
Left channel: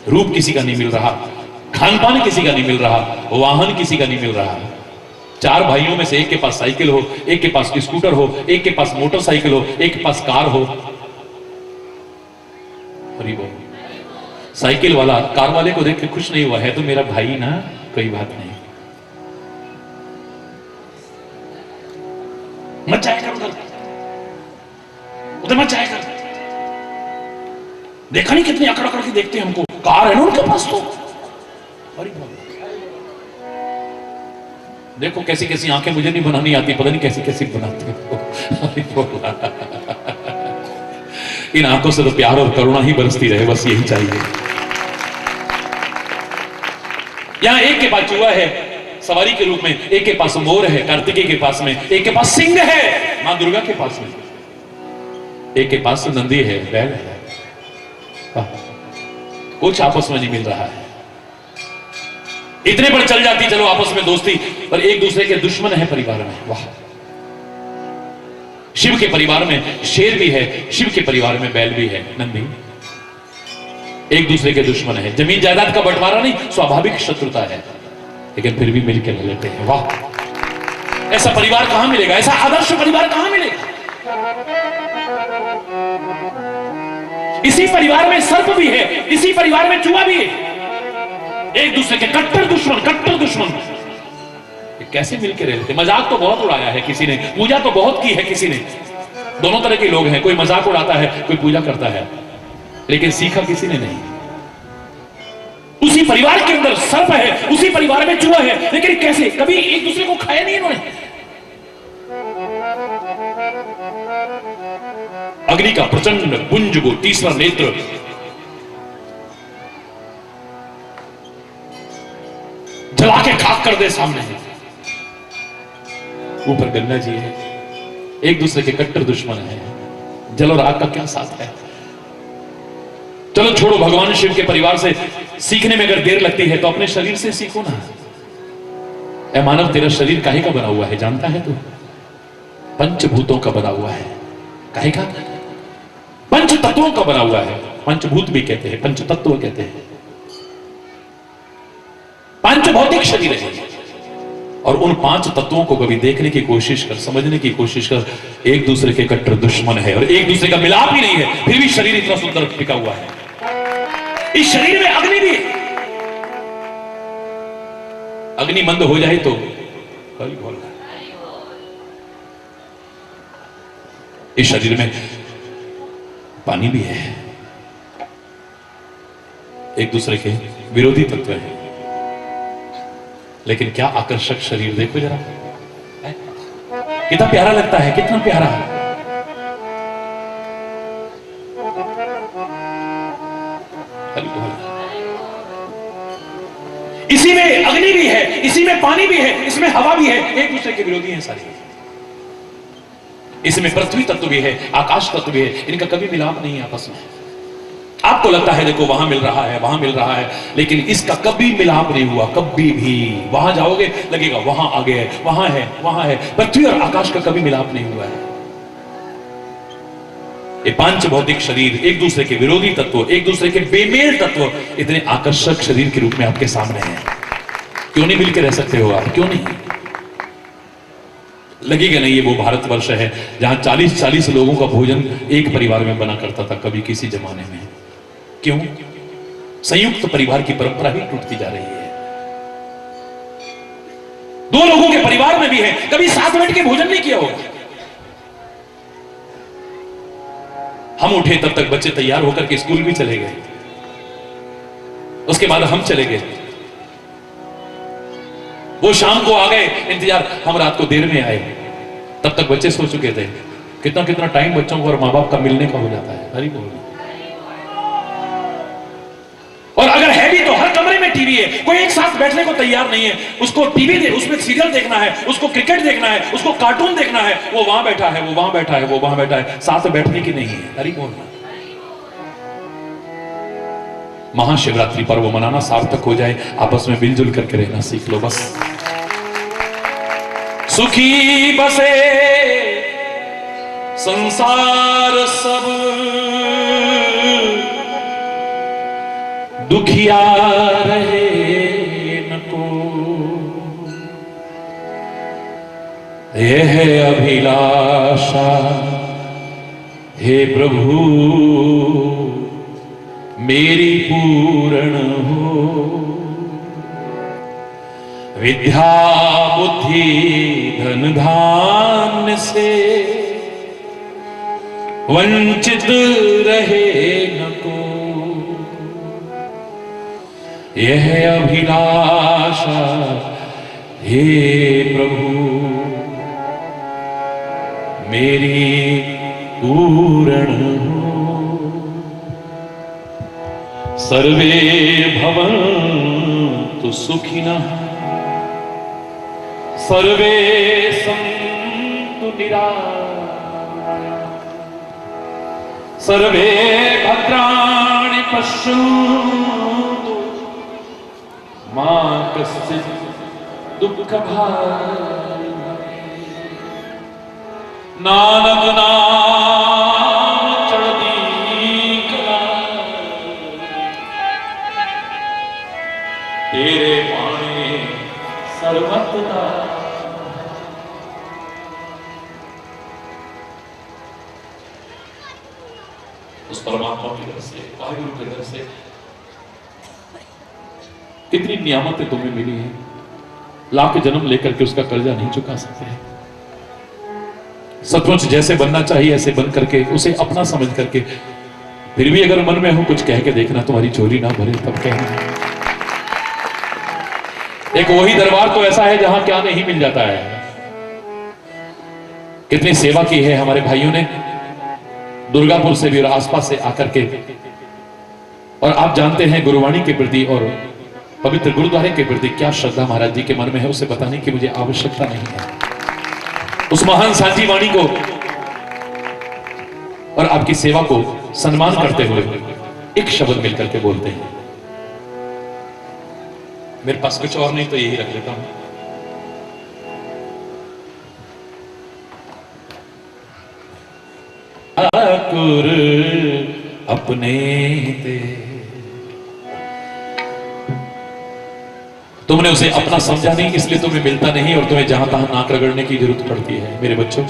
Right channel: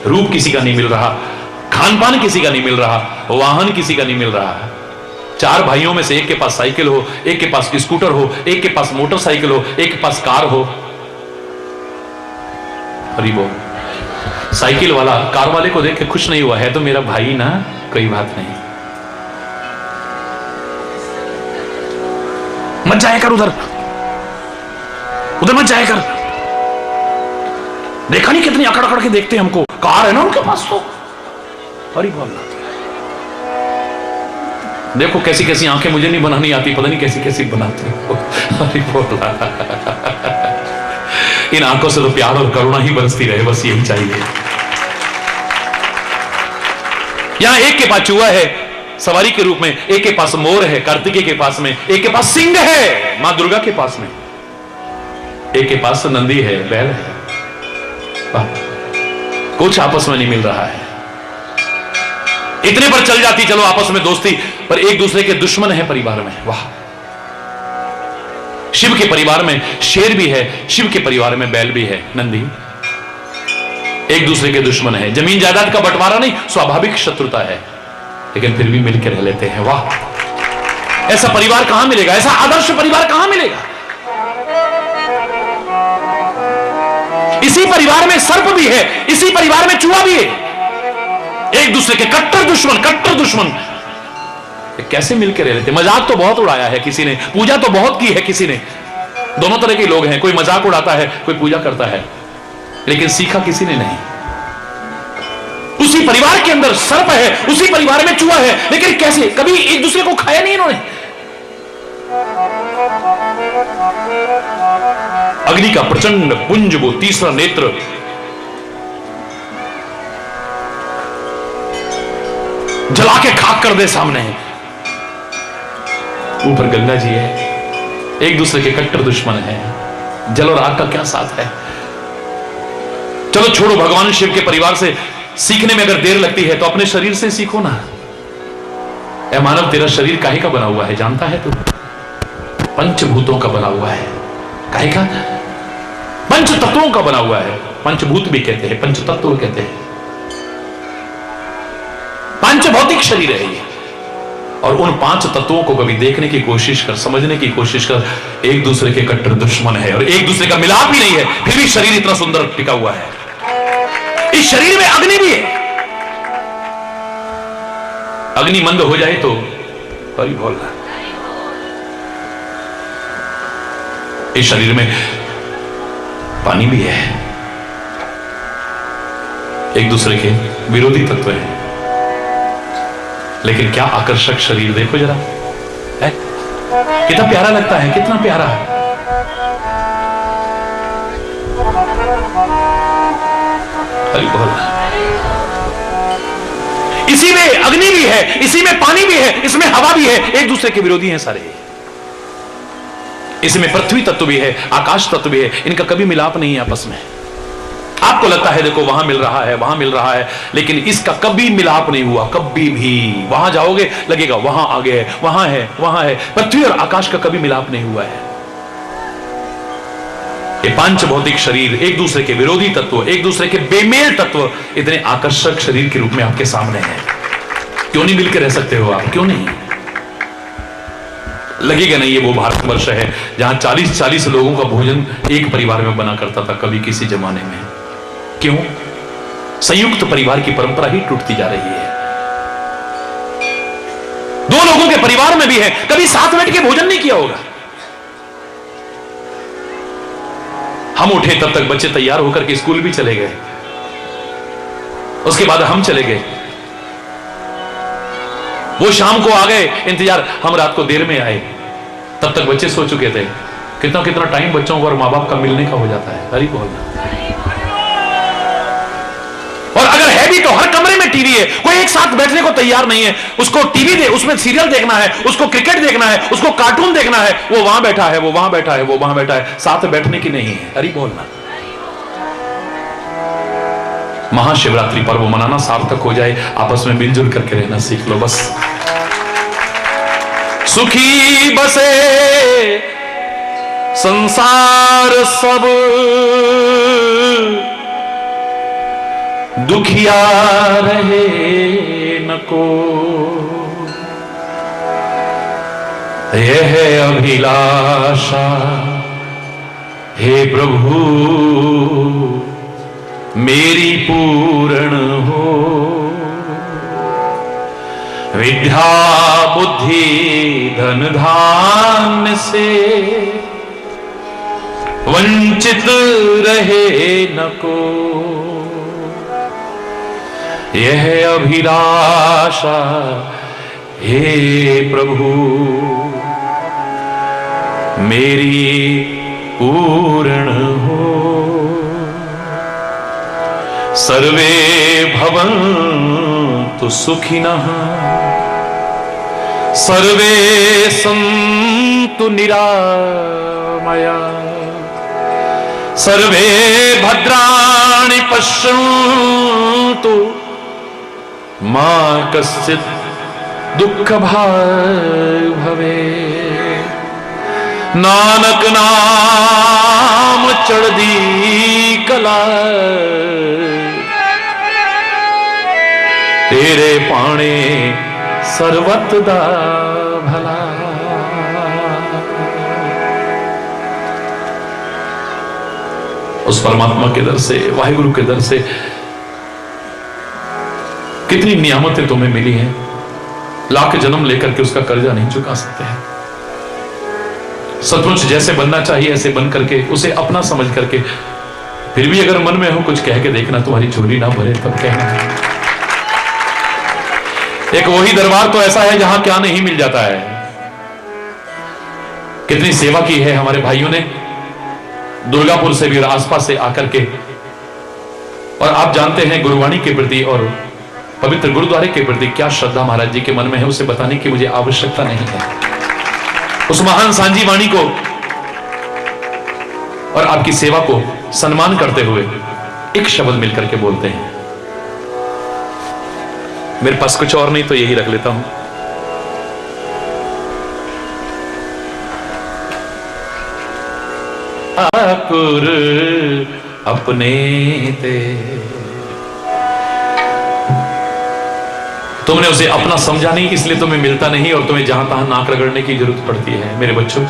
रूप किसी का नहीं मिल रहा, खान पान किसी का नहीं मिल रहा, वाहन किसी का नहीं मिल रहा। 4 भाइयों में से एक के पास साइकिल हो, एक के पास स्कूटर हो, एक के पास मोटरसाइकिल हो, एक के पास कार हो। हरि बोल। साइकिल वाला कार वाले को देख के खुश नहीं हुआ, है तो मेरा भाई ना, कोई बात नहीं, मत जाया कर उधर, उधर मत जाया कर। देखा नहीं कितनी अकड़ अकड़ के देखते हैं हमको, कार है ना उनके पास तो। हरि बोल। देखो कैसी कैसी आंखें मुझे नहीं बनानी आती, पता नहीं कैसी कैसी बनाती हो। हरि बोल। इन आंखों से तो प्यार और करुणा ही बरसती रहे, बस यही चाहिए। यहां एक के पास चूहा है सवारी के रूप में, एक के पास मोर है कार्तिकेय के पास में, एक के पास सिंह है मां दुर्गा के पास में, एक के पास नंदी है, बैल है। कुछ आपस में नहीं मिल रहा है। इतने पर चल जाती चलो आपस में दोस्ती, पर एक दूसरे के दुश्मन है परिवार में। वाह। शिव के परिवार में शेर भी है, शिव के परिवार में बैल भी है, नंदी। एक दूसरे के दुश्मन है, जमीन जायदाद का बंटवारा नहीं, स्वाभाविक शत्रुता है, लेकिन फिर भी मिलकर रह लेते हैं। वाह। ऐसा परिवार कहां मिलेगा, ऐसा आदर्श परिवार कहां मिलेगा। इसी परिवार में सर्प भी है, इसी परिवार में चूहा भी है, एक दूसरे के कट्टर दुश्मन, कट्टर दुश्मन। कैसे मिलकर रह लेते। मजाक तो बहुत उड़ाया है किसी ने, पूजा तो बहुत की है किसी ने। दोनों तरह के लोग हैं, कोई मजाक उड़ाता है, कोई पूजा करता है, लेकिन सीखा किसी ने नहीं। उसी परिवार के अंदर सर्प है, उसी परिवार में चूहा है, लेकिन कैसे, कभी एक दूसरे को खाया नहीं इन्होंने। अग्नि का प्रचंड पुंज, वो तीसरा नेत्र, जला के खाक कर दे सामने। ऊपर गंगा जी है, एक दूसरे के कट्टर दुश्मन है। जल और आग का क्या साथ है। चलो छोड़ो, भगवान शिव के परिवार से सीखने में अगर देर लगती है तो अपने शरीर से सीखो ना। ऐ मानव, तेरा शरीर काहे का बना हुआ है जानता है तू? पंचभूतों का बना हुआ है। काहे का? पंच तत्वों का बना हुआ है। पंचभूत भी कहते हैं, पंच तत्व कहते हैं। पंच भौतिक शरीर है ये। और उन 5 तत्वों को कभी देखने की कोशिश कर, समझने की कोशिश कर, एक दूसरे के कट्टर दुश्मन है और एक दूसरे का मिलाप ही नहीं है, फिर भी शरीर इतना सुंदर टिका हुआ है। इस शरीर में अग्नि भी है। अग्नि मंद हो जाए तो हरि बोल। इस शरीर में पानी भी है। एक दूसरे के विरोधी तत्व है। लेकिन क्या आकर्षक शरीर देखो जरा, है कितना प्यारा लगता है, कितना प्यारा। हरि बोल। इसी में अग्नि भी है, इसी में पानी भी है, इसमें हवा भी है, एक दूसरे के विरोधी हैं सारे। इसमें पृथ्वी तत्व भी है, आकाश तत्व भी है, इनका कभी मिलाप नहीं है आपस में। आपको लगता है देखो वहां मिल रहा है, वहां मिल रहा है, लेकिन इसका कभी मिलाप नहीं हुआ, कभी भी। वहां जाओगे लगेगा वहां आगे है, वहां है, वहां है। पृथ्वी और आकाश का कभी मिलाप नहीं हुआ है। ये पांच भौतिक शरीर एक दूसरे के विरोधी तत्व, एक दूसरे के बेमेल तत्व, इतने आकर्षक शरीर के रूप में आपके सामने हैं। क्यों नहीं मिलकर रह सकते हो आप, क्यों नहीं? लगेगा नहीं ये वो भारतवर्ष है जहां 40-40 लोगों का भोजन एक परिवार में बना करता था कभी किसी जमाने में। क्यों? संयुक्त परिवार की परंपरा ही टूटती जा रही है। दो लोगों के परिवार में भी है, कभी साथ बैठ के भोजन नहीं किया होगा। हम उठे तब तक बच्चे तैयार होकर के स्कूल भी चले गए, उसके बाद हम चले गए, वो शाम को आ गए, इंतजार, हम रात को देर में आए, तब तक बच्चे सो चुके थे। कितना कितना टाइम बच्चों को और मां बाप का मिलने का हो जाता है। हरि बोल। और अगर है भी तो हर कमरे में टीवी है, कोई एक साथ बैठने को तैयार नहीं है। उसको टीवी दे, उसमें सीरियल देखना है, उसको क्रिकेट देखना है, उसको कार्टून देखना है, वो वहां बैठा है, वो वहां बैठा है, वो वहां बैठा है, साथ बैठने की नहीं है। हरि बोलना। महाशिवरात्रि पर्व मनाना सार्थक हो जाए, आपस में मिलजुल करके रहना सीख लो बस। सुखी बसे संसार सब, दुखिया रहे न को, यह अभिलाषा हे प्रभु मेरी पूर्ण हो। विद्या बुद्धि धन धान्य से वंचित रहे न को, यह अभिलाषा हे प्रभु मेरी पूर्ण हो। सर्वे भवन्तु सुखिनः, सर्वे सन्तु निरामयाः, सर्वे भद्राणि पश्यन्तु मा कश्चित् दुःखभाग् भवेत्। नानक नाम चढ़दी कला, तेरे पाणे सर्वत दा भला। उस परमात्मा के दर से, वाहिगुरु के दर से कितनी नियामतें तुम्हें मिली हैं, लाख जन्म लेकर के उसका कर्जा नहीं चुका सकते हैं। सचमुच जैसे बनना चाहिए ऐसे बन करके, उसे अपना समझ करके, फिर भी अगर मन में हो कुछ कह के देखना, तुम्हारी झोली ना भरे तब कहना है। एक वही दरबार तो ऐसा है जहां क्या नहीं मिल जाता है। कितनी सेवा की है हमारे भाइयों ने दुर्गापुर से भी, आसपास से आकर के। और आप जानते हैं गुरुवाणी के प्रति और पवित्र गुरुद्वारे के प्रति क्या श्रद्धा महाराज जी के मन में है, उसे बताने की मुझे आवश्यकता नहीं है। उस महान सांझी वाणी को और आपकी सेवा को सम्मान करते हुए एक शब्द मिलकर के बोलते हैं। मेरे पास कुछ और नहीं तो यही रख लेता हूं। आकुर अपने ते, तुमने उसे अपना समझा नहीं, इसलिए तुम्हें मिलता नहीं और तुम्हें जहां तहां नाक रगड़ने की जरूरत पड़ती है। मेरे बच्चों,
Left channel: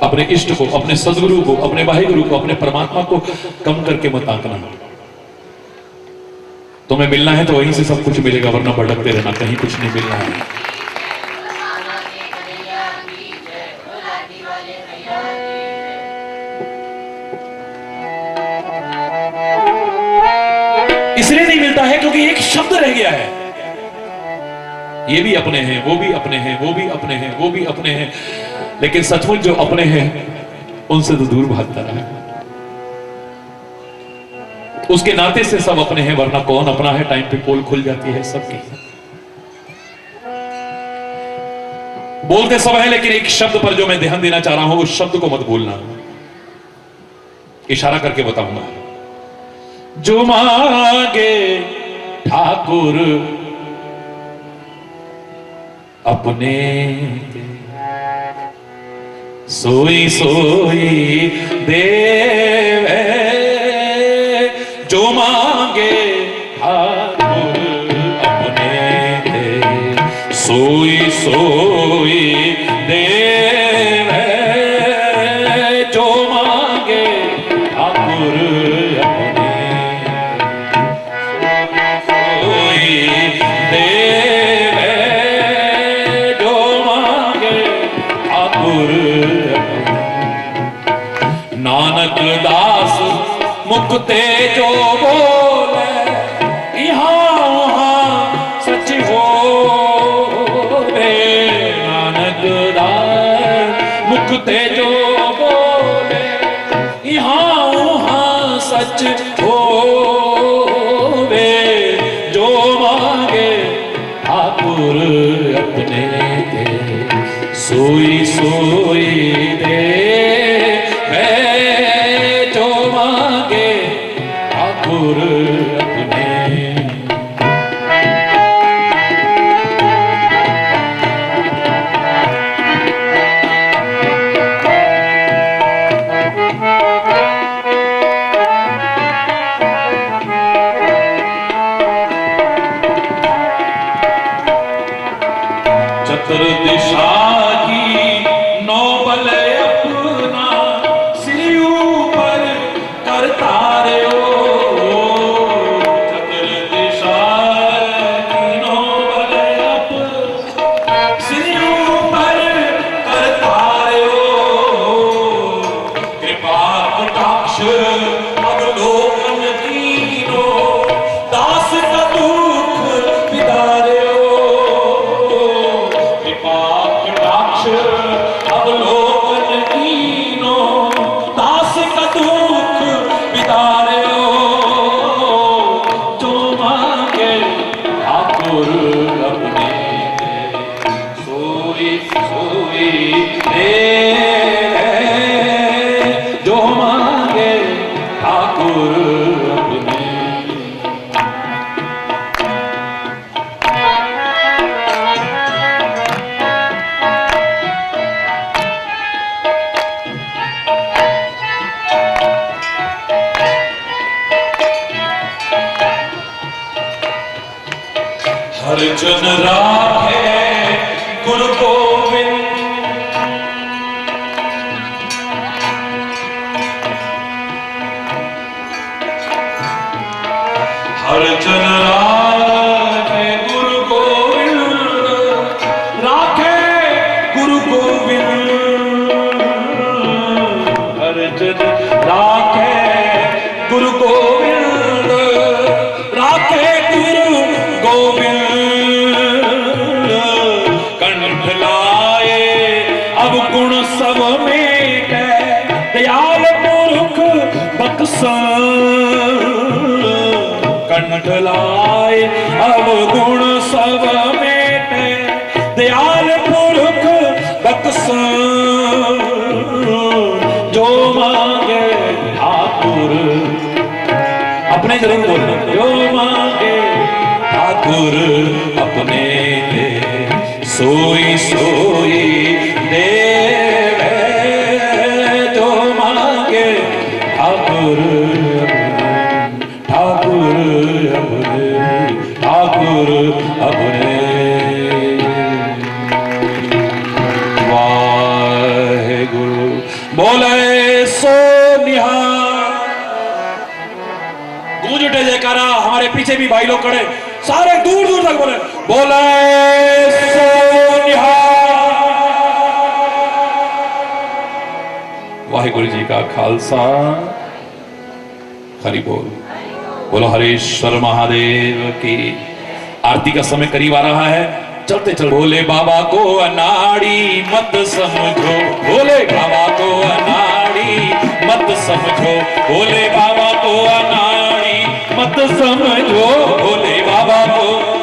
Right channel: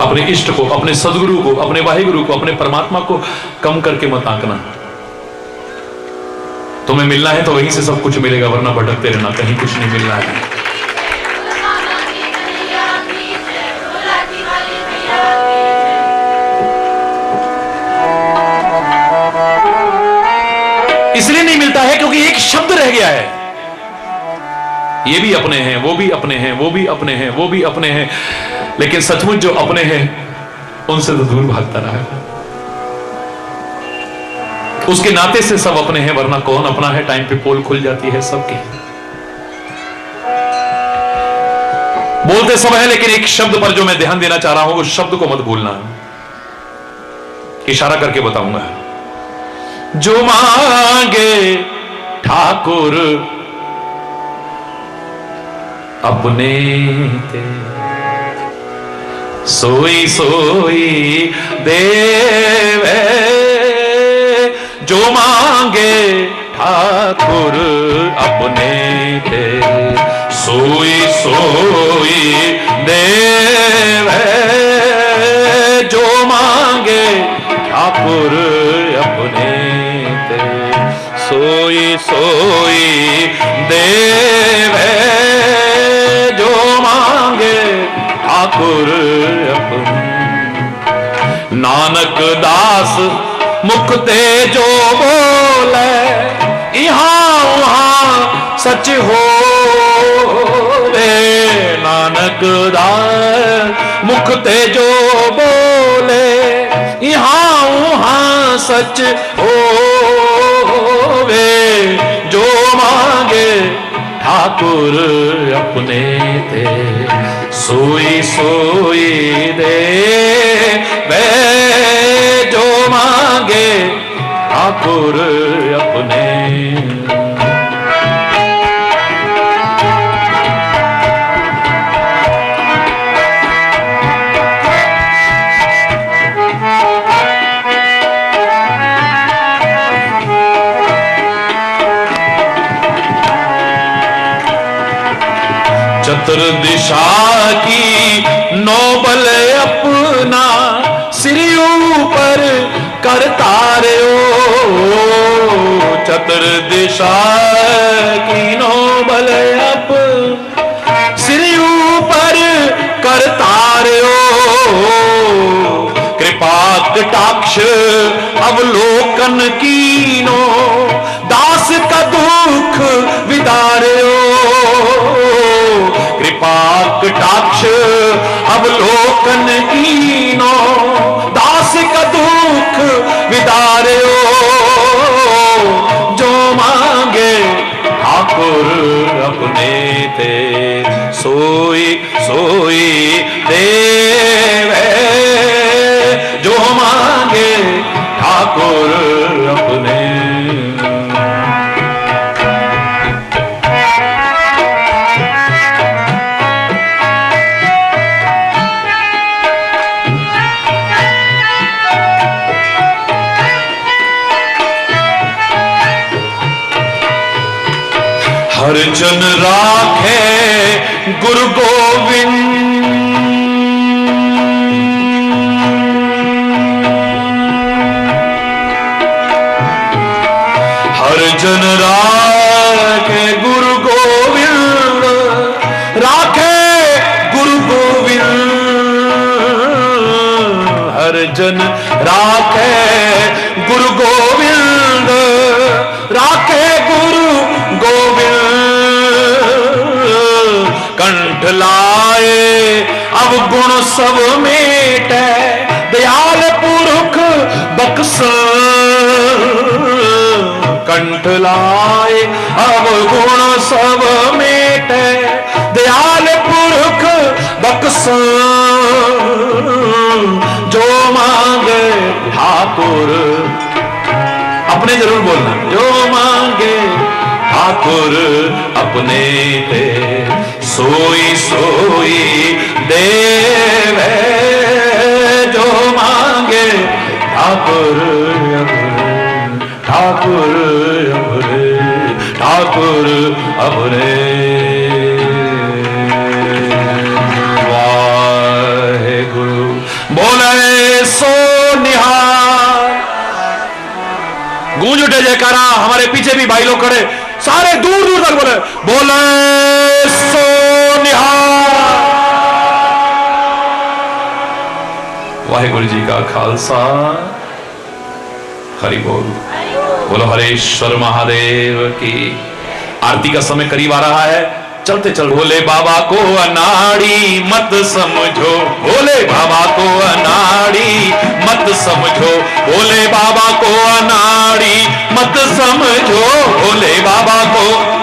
अपने इष्ट को, अपने सदगुरु को, अपने वाहिगुरु को, अपने परमात्मा को कम करके मत आंकना। तुम्हें मिलना है तो वहीं से सब कुछ मिलेगा, वरना भटकते रहना, कहीं कुछ नहीं मिलना है। इसलिए नहीं मिलता है क्योंकि एक शब्द रह गया है। ये भी अपने हैं, वो भी अपने हैं, वो भी अपने हैं, वो भी अपने हैं, लेकिन सचमुच जो अपने हैं उनसे तो दूर भागता रहा है। उसके नाते से सब अपने हैं, वरना कौन अपना है? टाइम पे पोल खुल जाती है सबकी। बोलते सब है, लेकिन एक शब्द पर जो मैं ध्यान देना चाह रहा हूं, उस शब्द को मत भूलना। इशारा करके बताऊंगा। जो मांगे ठाकुर अपने ते, सोई सोई देवे। जो मांगे ठाकुर अपने ते, सोई सोई देवे। जो मांगे ठाकुर अपने ते, सोई सोई देवे। जो मांगे ठाकुर अपने। नानक दास मुखते जो बोले, इहां उहां सच हो। नानक दास मुखते जो बोले, इहां उहां सच हो। जो मांगे ठाकुर अपने ते, सोई सोई दे। वे जो मांगे ठाकुर अपने। चतुर्दिशा की नौबल अपना, सिर ऊपर करता रे ओ। चतुर्दिशा की नौबल अप, सिर ऊपर करता रे ओ। कृपा कटाक्ष अवलोकन कीनो, दास का दुख विदारे ओ। कृपा कटाक्ष अवलोकन कीनो, दास का दुख विदारे ओ। जो मांगे ठाकुर अपने ते, सोई सोई देवे। जो मांगे ठाकुर अपने। हर जन राखे गुरु गोविंद, हर जन राखे गुरु गोविंद। राखे गुरु गोविंद, हर जन राखे गुरु गोविंद। राखे गुरु गोविंद, कंठ लाए अब गुण सब मेटे। दयाल पुरख बख्श, कंठ लाए अब गुण सब मेटे। दयाल पुरख बख्श, जो मांगे ठाकुर अपने। जरूर बोलना। जो मांगे ठाकुर अपने पे, सोई सोई देवे। जो मांगे ठाकुर ठाकुर अपने, ठाकुर अपने। वाहेगुरु बोले सो निहाल। गूंज उठे जयकारा। हमारे पीछे भी भाई लोग खड़े, सारे दूर दूर तक बोले, बोले सो निहाल। वाहेगुरु जी का खालसा, हरि बोल। बोलो हरेश्वर महादेव की। आरती का समय करीब आ रहा है। चलते चल भोले बाबा को अनाड़ी मत समझो, भोले बाबा को अनाड़ी मत समझो, भोले बाबा को अनाड़ी मत समझो, भोले बाबा को